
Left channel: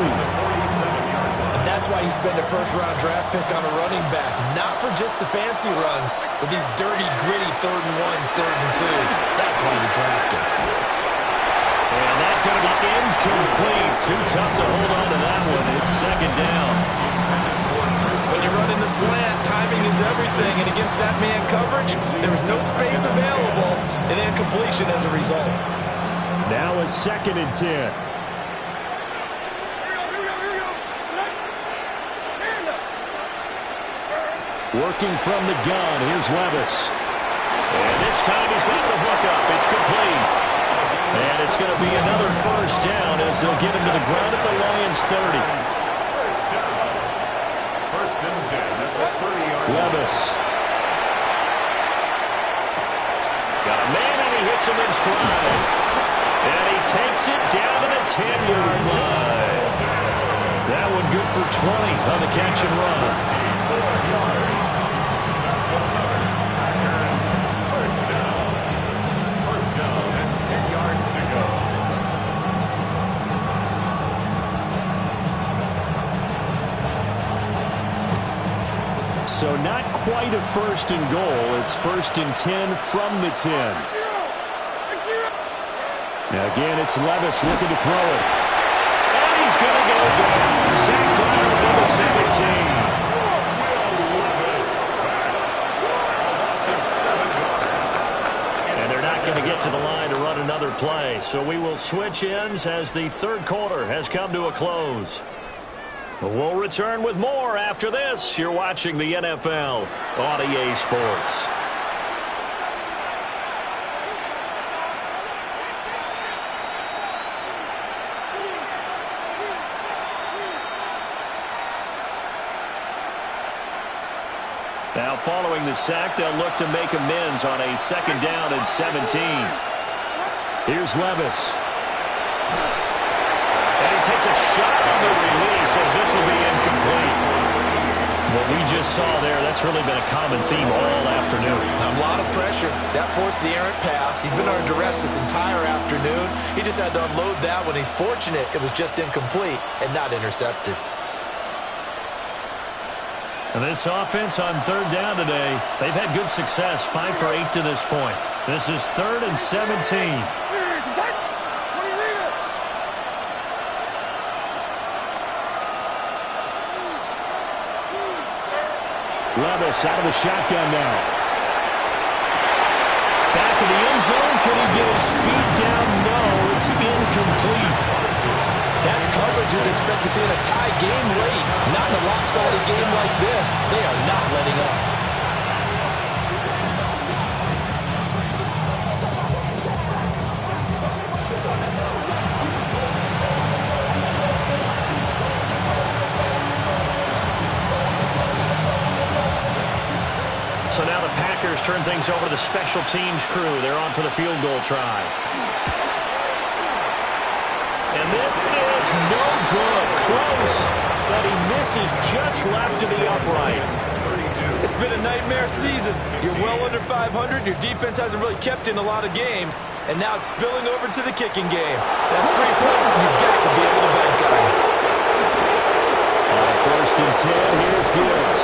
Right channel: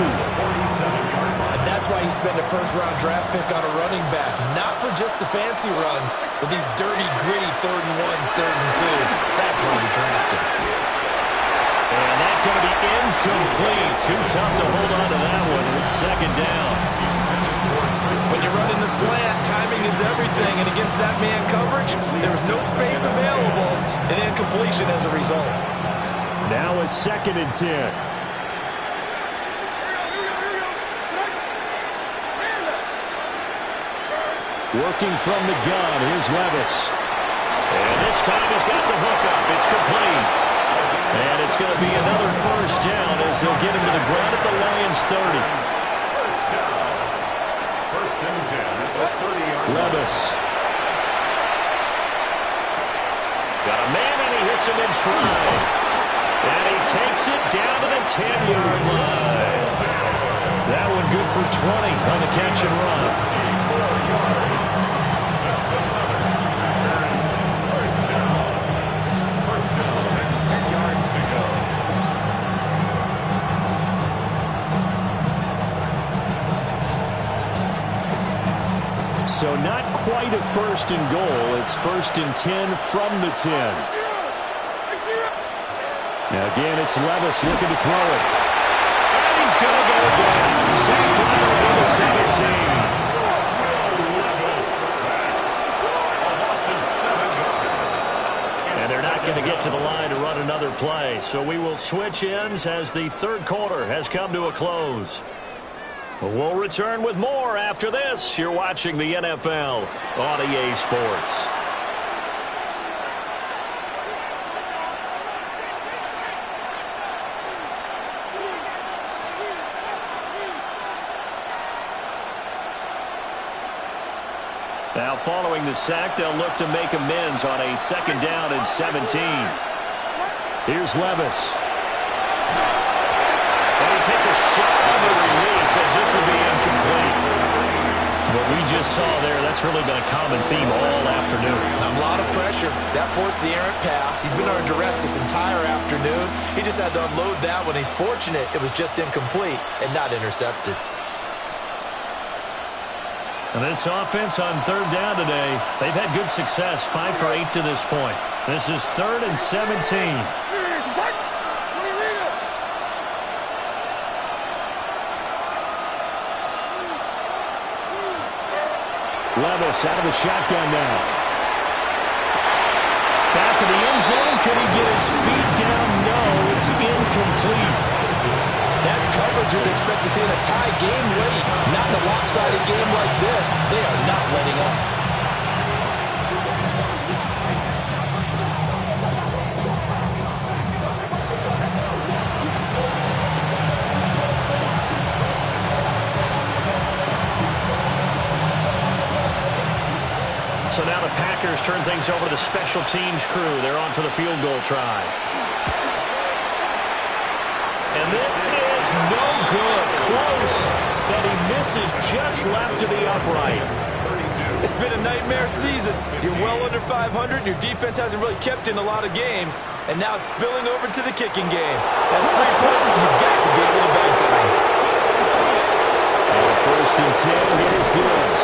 And that's why he spent a 1st-round draft pick on a running back. Not for just the fancy runs, but these dirty, gritty 3rd and 1s, 3rd and 2s. That's why you drafted. And that's going to be incomplete. Too tough to hold on to that one. It's 2nd down. When you're running the slant, timing is everything. And against that man coverage, there's no space available. And incompletion as a result. Now it's 2nd and 10. Working from the gun. Here's Levis. And this time he's got the hook up. It's complete. And it's going to be another 1st down as they'll get him to the ground at the Lions' 30. 1st down. 1st and 10 at the 30-yard line. Levis. Got a man and he hits him in stride. And he takes it down to the 10-yard line. That one good for 20 on the catch and run. 4 yards. That's another Packers 1st down. 1st down and 10 yards to go. So not quite a 1st and goal. It's 1st and 10 from the 10. Now again, it's Levis looking to throw it. And he's going to go down. Sacked right around the 17. Will Levis sacked. to the line to run another play. So we will switch ends as the third quarter has come to a close. We'll return with more after this. You're watching the NFL on EA Sports. Now following the sack, they'll look to make amends on a 2nd down and 17. Here's Levis. And he takes a shot on the release as this will be incomplete. What we just saw there, that's really been a common theme all afternoon. A lot of pressure. That forced the errant pass. He's been under duress this entire afternoon. He just had to unload that one. He's fortunate it was just incomplete and not intercepted. And this offense on 3rd down today, they've had good success, 5 for 8 to this point. This is 3rd and 17. Levis out of the shotgun now. Back of the end zone. Could he get his feet down? No, it's incomplete. That's coverage you'd expect to see in a tie game late. Not in a lopsided game like this. They are not letting up. So now the Packers turn things over to the special teams crew. They're on for the field goal try. And this is no good. Close, but he misses just left to the upright. It's been a nightmare season. You're well under 500. Your defense hasn't really kept in a lot of games. And now it's spilling over to the kicking game. That's 3 points you've got to be able to bank on. On 1st and 10, here's Gibbs.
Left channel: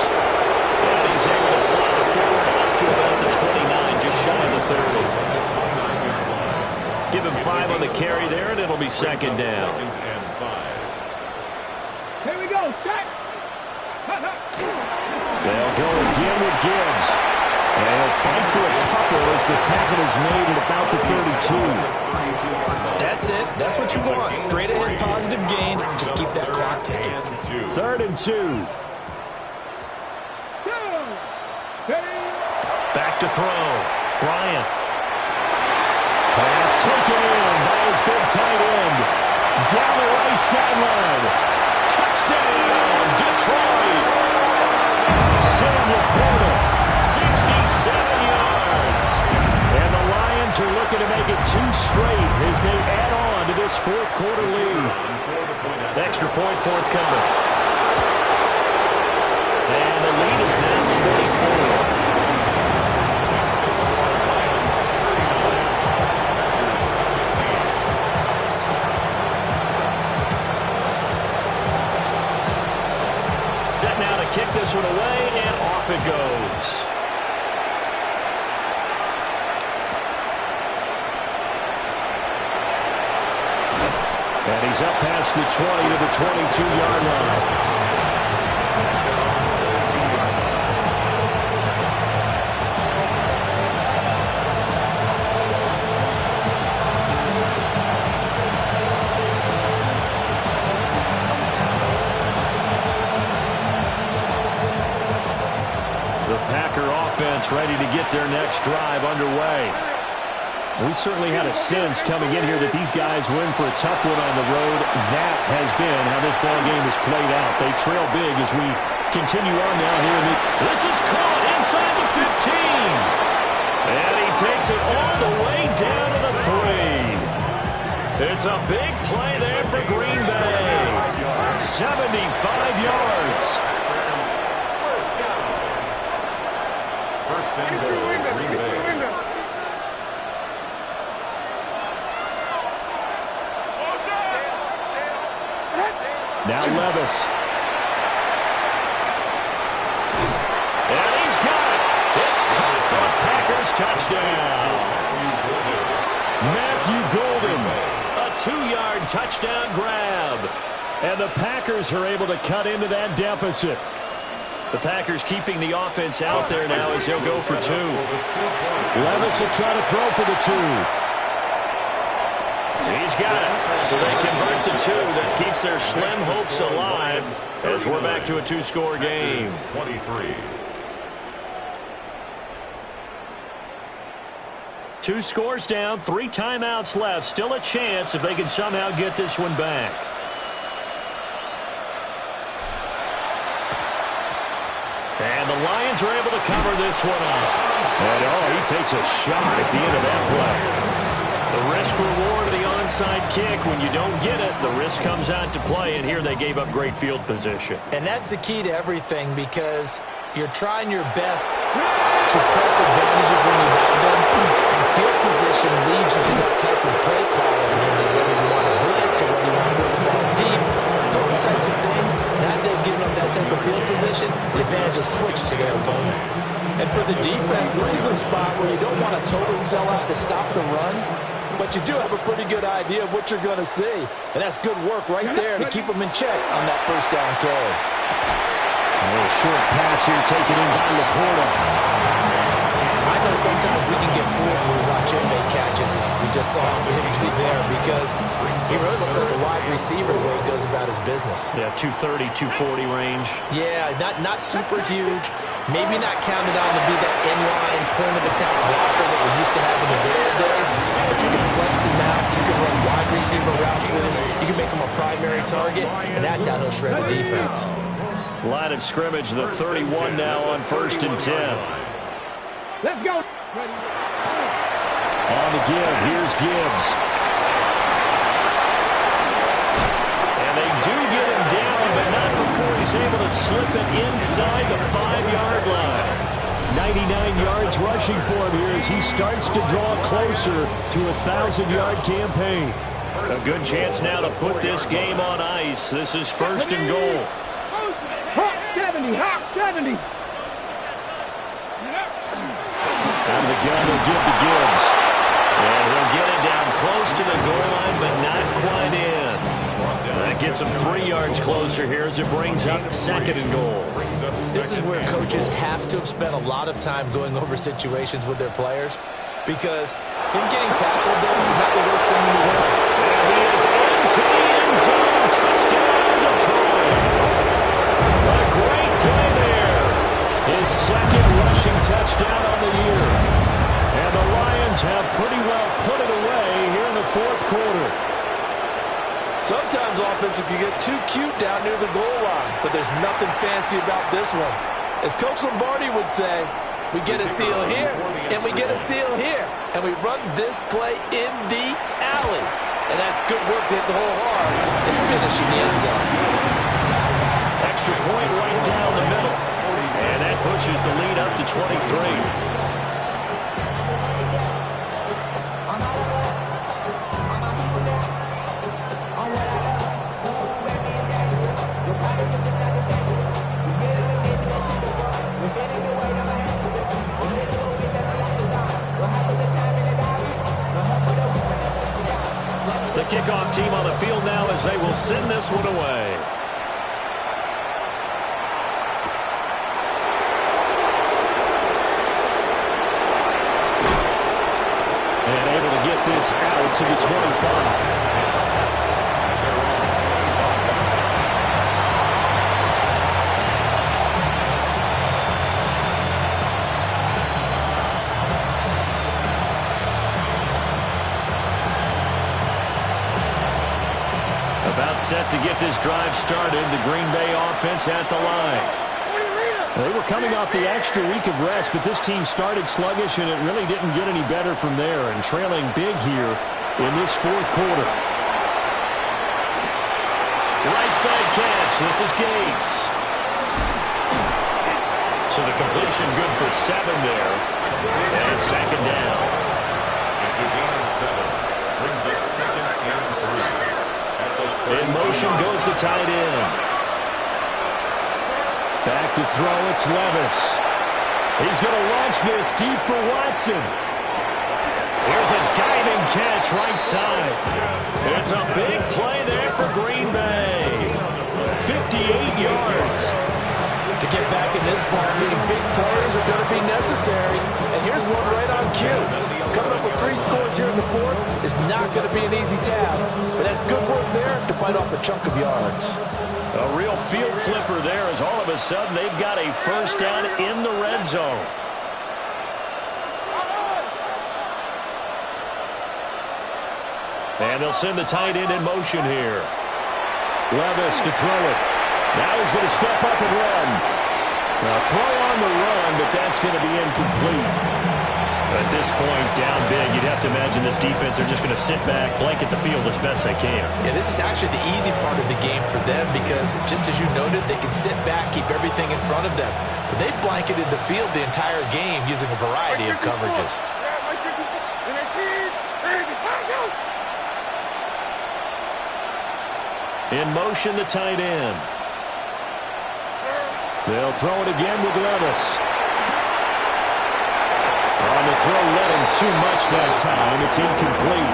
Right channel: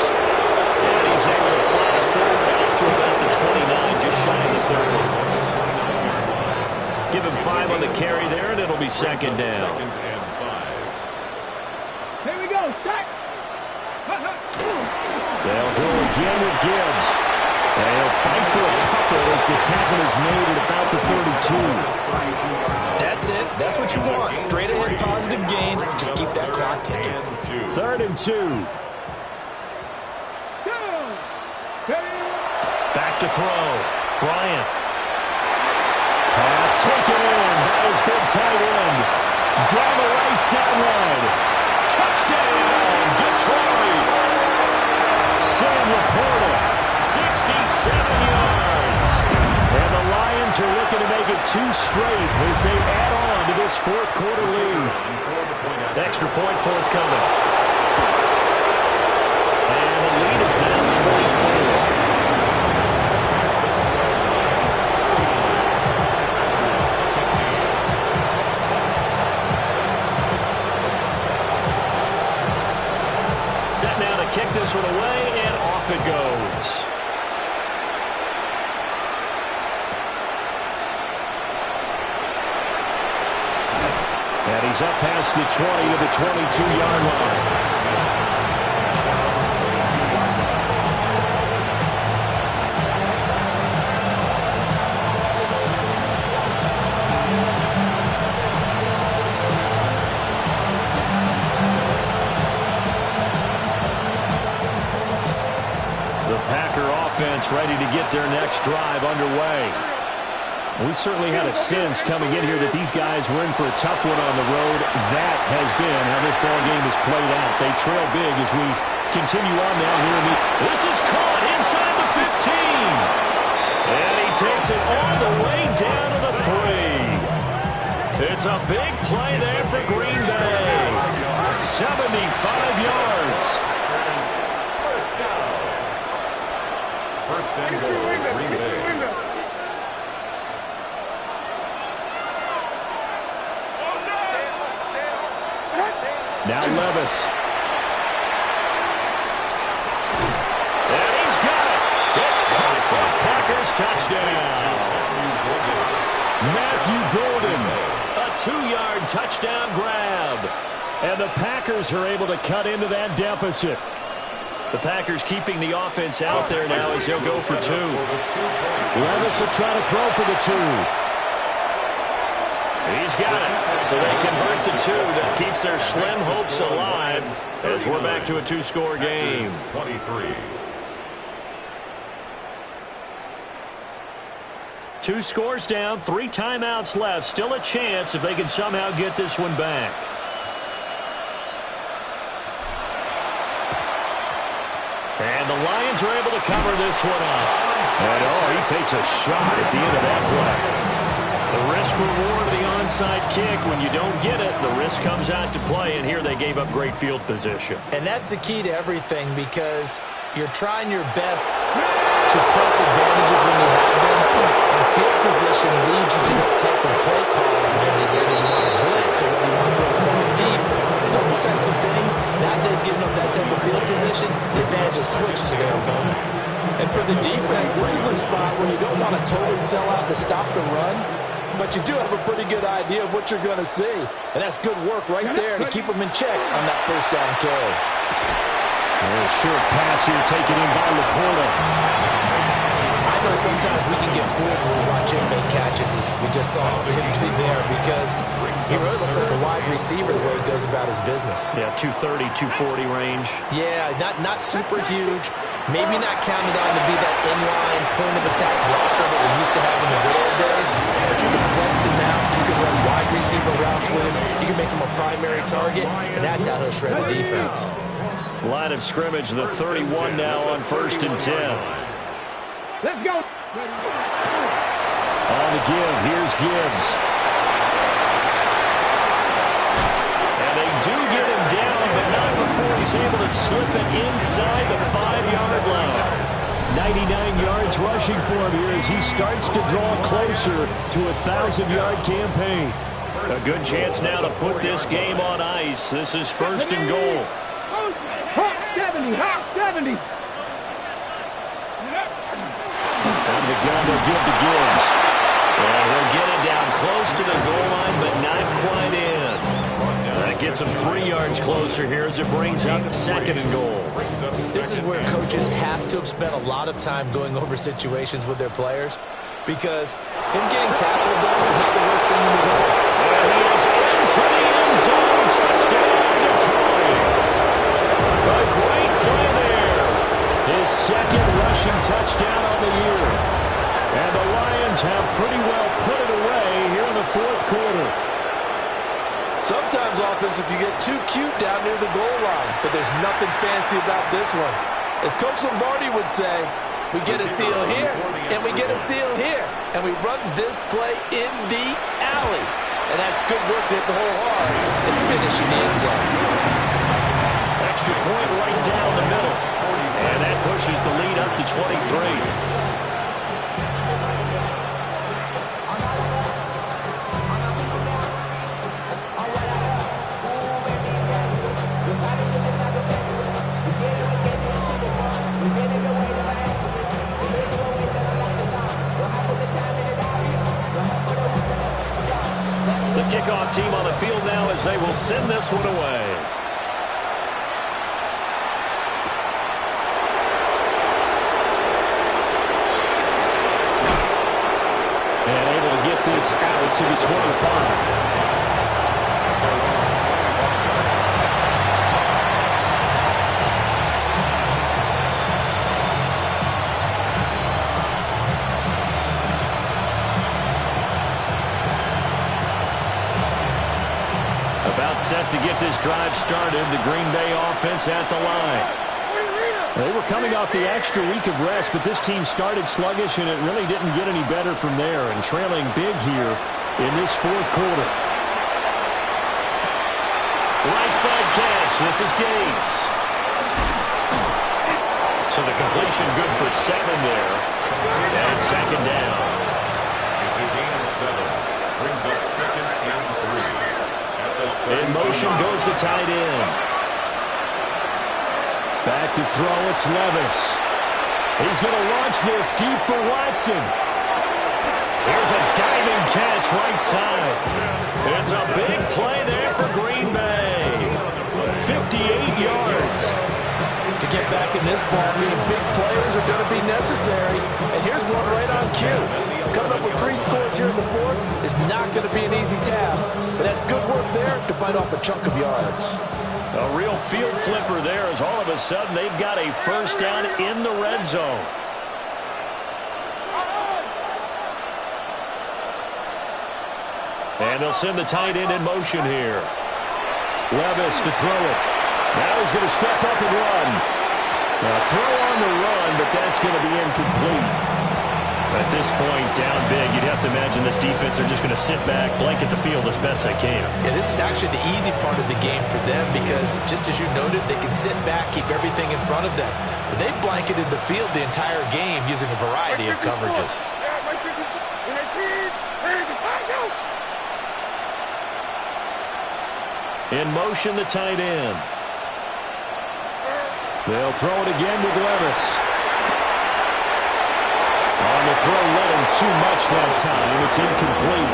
And he's able to plow forward out to about the 29, just shy of the 30. Give him 5 on the carry there, and it'll be 2nd down. 2nd and 5. Here we go. Start. They'll go again with Gibbs. And he'll fight for a couple as the tackle is made at about the 32. That's it. That's what you want. Straight ahead positive gain. Just keep that clock ticking. 3rd and 2. Back to throw. Bryant. Pass taken in by his big tight end. Down the right sideline. Touchdown, Detroit. Sam Laporta, 67 yards. And the Lions are looking to make it 2 straight as they add on to this 4th quarter lead. Extra point forthcoming. And the lead is now 24. Set now to kick this one away, and off it goes. And he's up past the 20 to the 22-yard line. The Packer offense ready to get their next drive underway. We certainly had a sense coming in here that these guys were in for a tough one on the road. That has been how this ball game has played out. They trail big as we continue on now here in the... This is caught inside the 15. And he takes it all the way down to the 3. It's a big play there for Green Bay. 75 yards. First down. First and goal, Green Bay. Now Levis. And he's got it. It's caught for a Packers touchdown. Matthew Golden. A 2-yard touchdown grab. And the Packers are able to cut into that deficit. The Packers keeping the offense out there now as he'll go for 2. Levis will try to throw for the 2. He's got it. So they convert the two. That keeps their slim hopes alive as we're back to a two-score game. 23. Two scores down, 3 timeouts left. Still a chance if they can somehow get this one back. And the Lions are able to cover this one up. And, he takes a shot at the end of that play. The risk-reward of the onside kick. When you don't get it, the risk comes out to play, and here they gave up great field position. And that's the key to everything, because you're trying your best to press advantages when you have them, and field position leads you to that type of play calling, whether you want to blitz or whether you want to throw the ball deep. Those types of things, now that they've given up that type of field position, the advantage is switched to their opponent. And for the defense, this is a spot where you don't want to totally sell out to stop the run, but you do have a pretty good idea of what you're going to see. And that's good work right there to keep them in check on that first down carry. A little short pass here taken in by Laporta. I know sometimes we can get fooled when we watch him make catches, as we just saw him do there, because he really looks like a wide receiver the way he goes about his business. Yeah, 230, 240 range. Yeah, not super huge. Maybe not counted on to be that inline point-of-attack blocker that we used to have in the good old days, but you can flex him out. You can run wide receiver routes with him. You can make him a primary target, and that's how he'll shred the defense. Line of scrimmage, the 31 now on 1st and 10. Let's go. On the give, here's Gibbs. And they do get him down, but not before he's able to slip it inside the 5-yard line. 99 yards rushing for him here as he starts to draw closer to a 1,000-yard campaign. A good chance now to put this game on ice. This is 1st and goal. Hawk 70, Hawk 70. Out of the gun, they'll give to Gibbs. And he'll get it down close to the goal line, but not quite in. That gets him 3 yards closer here as it brings up 2nd and goal. This is where coaches have to have spent a lot of time going over situations with their players, because him getting tackled there is not the worst thing in the world. There he is into the end zone. Touchdown, Detroit. A great play there. His 2nd rushing touchdown on the year. And the Lions have pretty well put it away here in the 4th quarter. Sometimes offenses can get too cute down near the goal line, but there's nothing fancy about this one. As Coach Lombardi would say, we get a seal here, and we get a seal here, and we run this play in the alley. And that's good work to hit the hole hard and finish in the end zone. Extra point right down the middle. And that pushes the lead up to 23. The kickoff team on the field now as they will send this one away. And able to get this out to the 25. About set to get this drive started. The Green Bay offense at the line. They were coming off the extra week of rest, but this team started sluggish, and it really didn't get any better from there, and trailing big here in this 4th quarter. Right side catch. This is Gates. So the completion good for 7 there. And 2nd down. It's a gain of 7. Brings up 2nd and 3. In motion goes the tight end. Back to throw, it's Levis. He's going to launch this deep for Watson. Here's a diving catch right side. It's a big play there for Green Bay. 58 yards. To get back in this ballgame, big plays are going to be necessary. And here's one right on cue. Coming up with 3 scores here in the fourth is not going to be an easy task, but that's good work there to bite off a chunk of yards. A real field flipper there as all of a sudden they've got a first down in the red zone. And they'll send the tight end in motion here. Levis to throw it. Now he's going to step up and run. A throw on the run, but that's going to be incomplete. At this point, down big, you'd have to imagine this defense are just going to sit back, blanket the field as best they can. Yeah, this is actually the easy part of the game for them because, just as you noted, they can sit back, keep everything in front of them. But they've blanketed the field the entire game using a variety of coverages. In motion, the tight end. They'll throw it again with Levis. On the throw, led him too much that time. It's incomplete.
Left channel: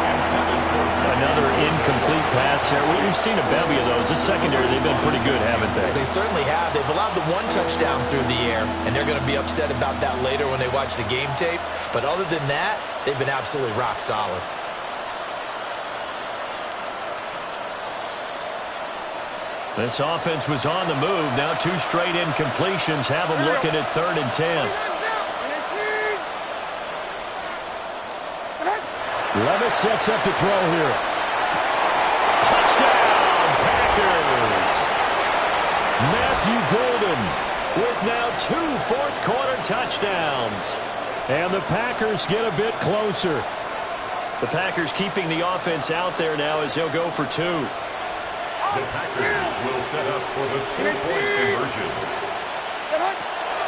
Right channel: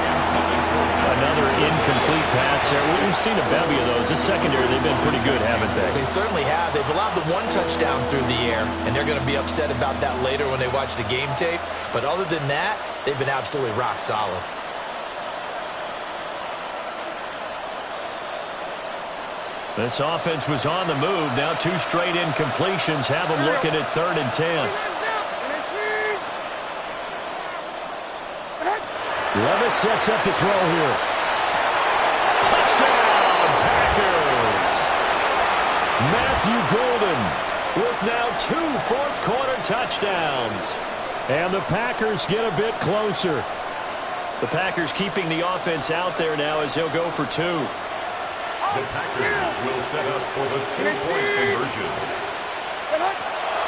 Another incomplete pass there. We've seen a bevy of those. This secondary, they've been pretty good, haven't they? They certainly have. They've allowed the 1 touchdown through the air, and they're going to be upset about that later when they watch the game tape. But other than that, they've been absolutely rock solid. This offense was on the move. Now 2 straight incompletions have them looking at 3rd and 10. Levis sets up to throw here. Touchdown, Packers! Matthew Golden with now 2 fourth-quarter touchdowns. And the Packers get a bit closer. The Packers keeping the offense out there now as they'll go for 2. The Packers will set up for the 2-point conversion.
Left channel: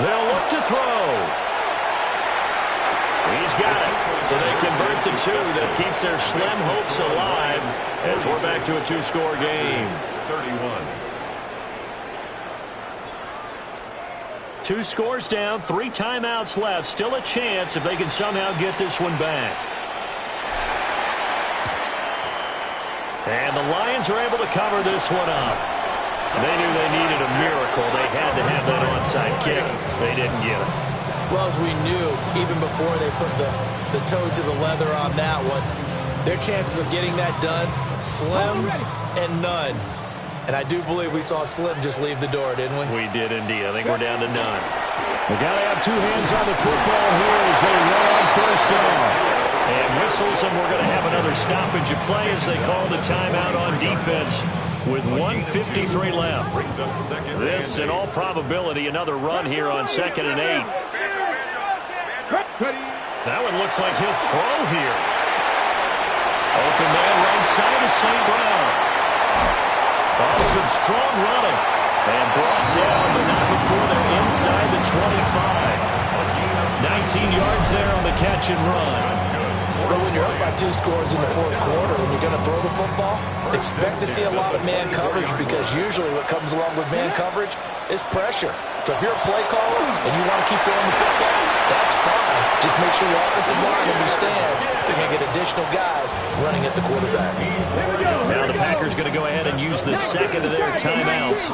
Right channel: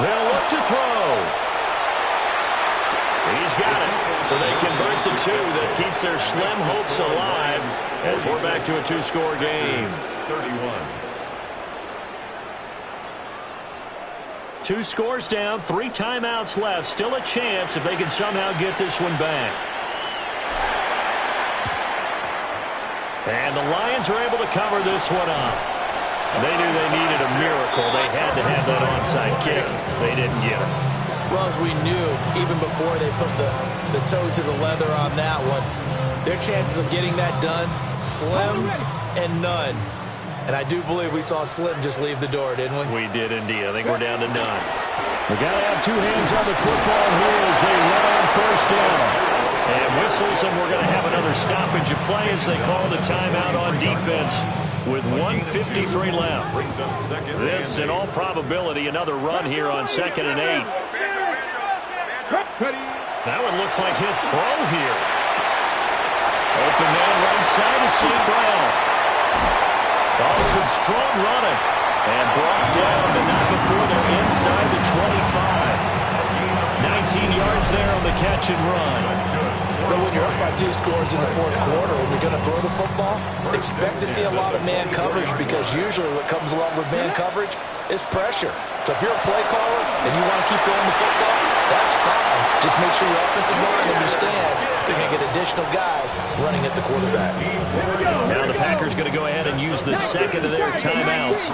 They'll look to throw. He's got it. So they convert the 2 that keeps their slim hopes alive as we're back to a 2-score game. 31. 2 scores down, 3 timeouts left. Still a chance if they can somehow get this one back. And the Lions are able to cover this one up. They knew they needed a miracle. They had to have that onside kick. They didn't get it. Well, as we knew, even before they put the toe to the leather on that one, their chances of getting that done, slim and none. And I do believe we saw Slim just leave the door, didn't we? We did indeed. I think we're down to none. We got to have 2 hands on the football here as they run on first down. And whistles, and we're going to have another stoppage of play as they call the timeout on defense with 1:53 left. This, in all probability, another run here on 2nd and 8. That one looks like he'll throw here. Open man right side is St. Brown. Oh, some strong running. And brought down, but not before they're inside the 25. 19 yards there on the catch and run. But when you're up by 2 scores in the fourth quarter and you're going to throw the football, expect to see a lot of man coverage because usually what comes along with man coverage is pressure. So if you're a play caller and you want to keep throwing the football, that's fine. Just make sure your offensive line understands they're going to get additional guys running at the quarterback. Now the Packers going to go ahead and use the second of their timeouts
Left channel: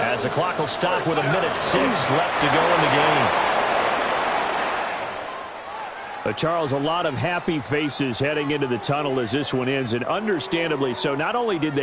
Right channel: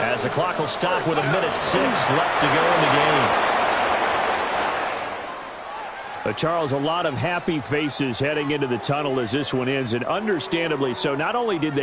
as the clock will stop with 1:06 left to go in the game. Charles, a lot of happy faces heading into the tunnel as this one ends, and understandably so. Not only did they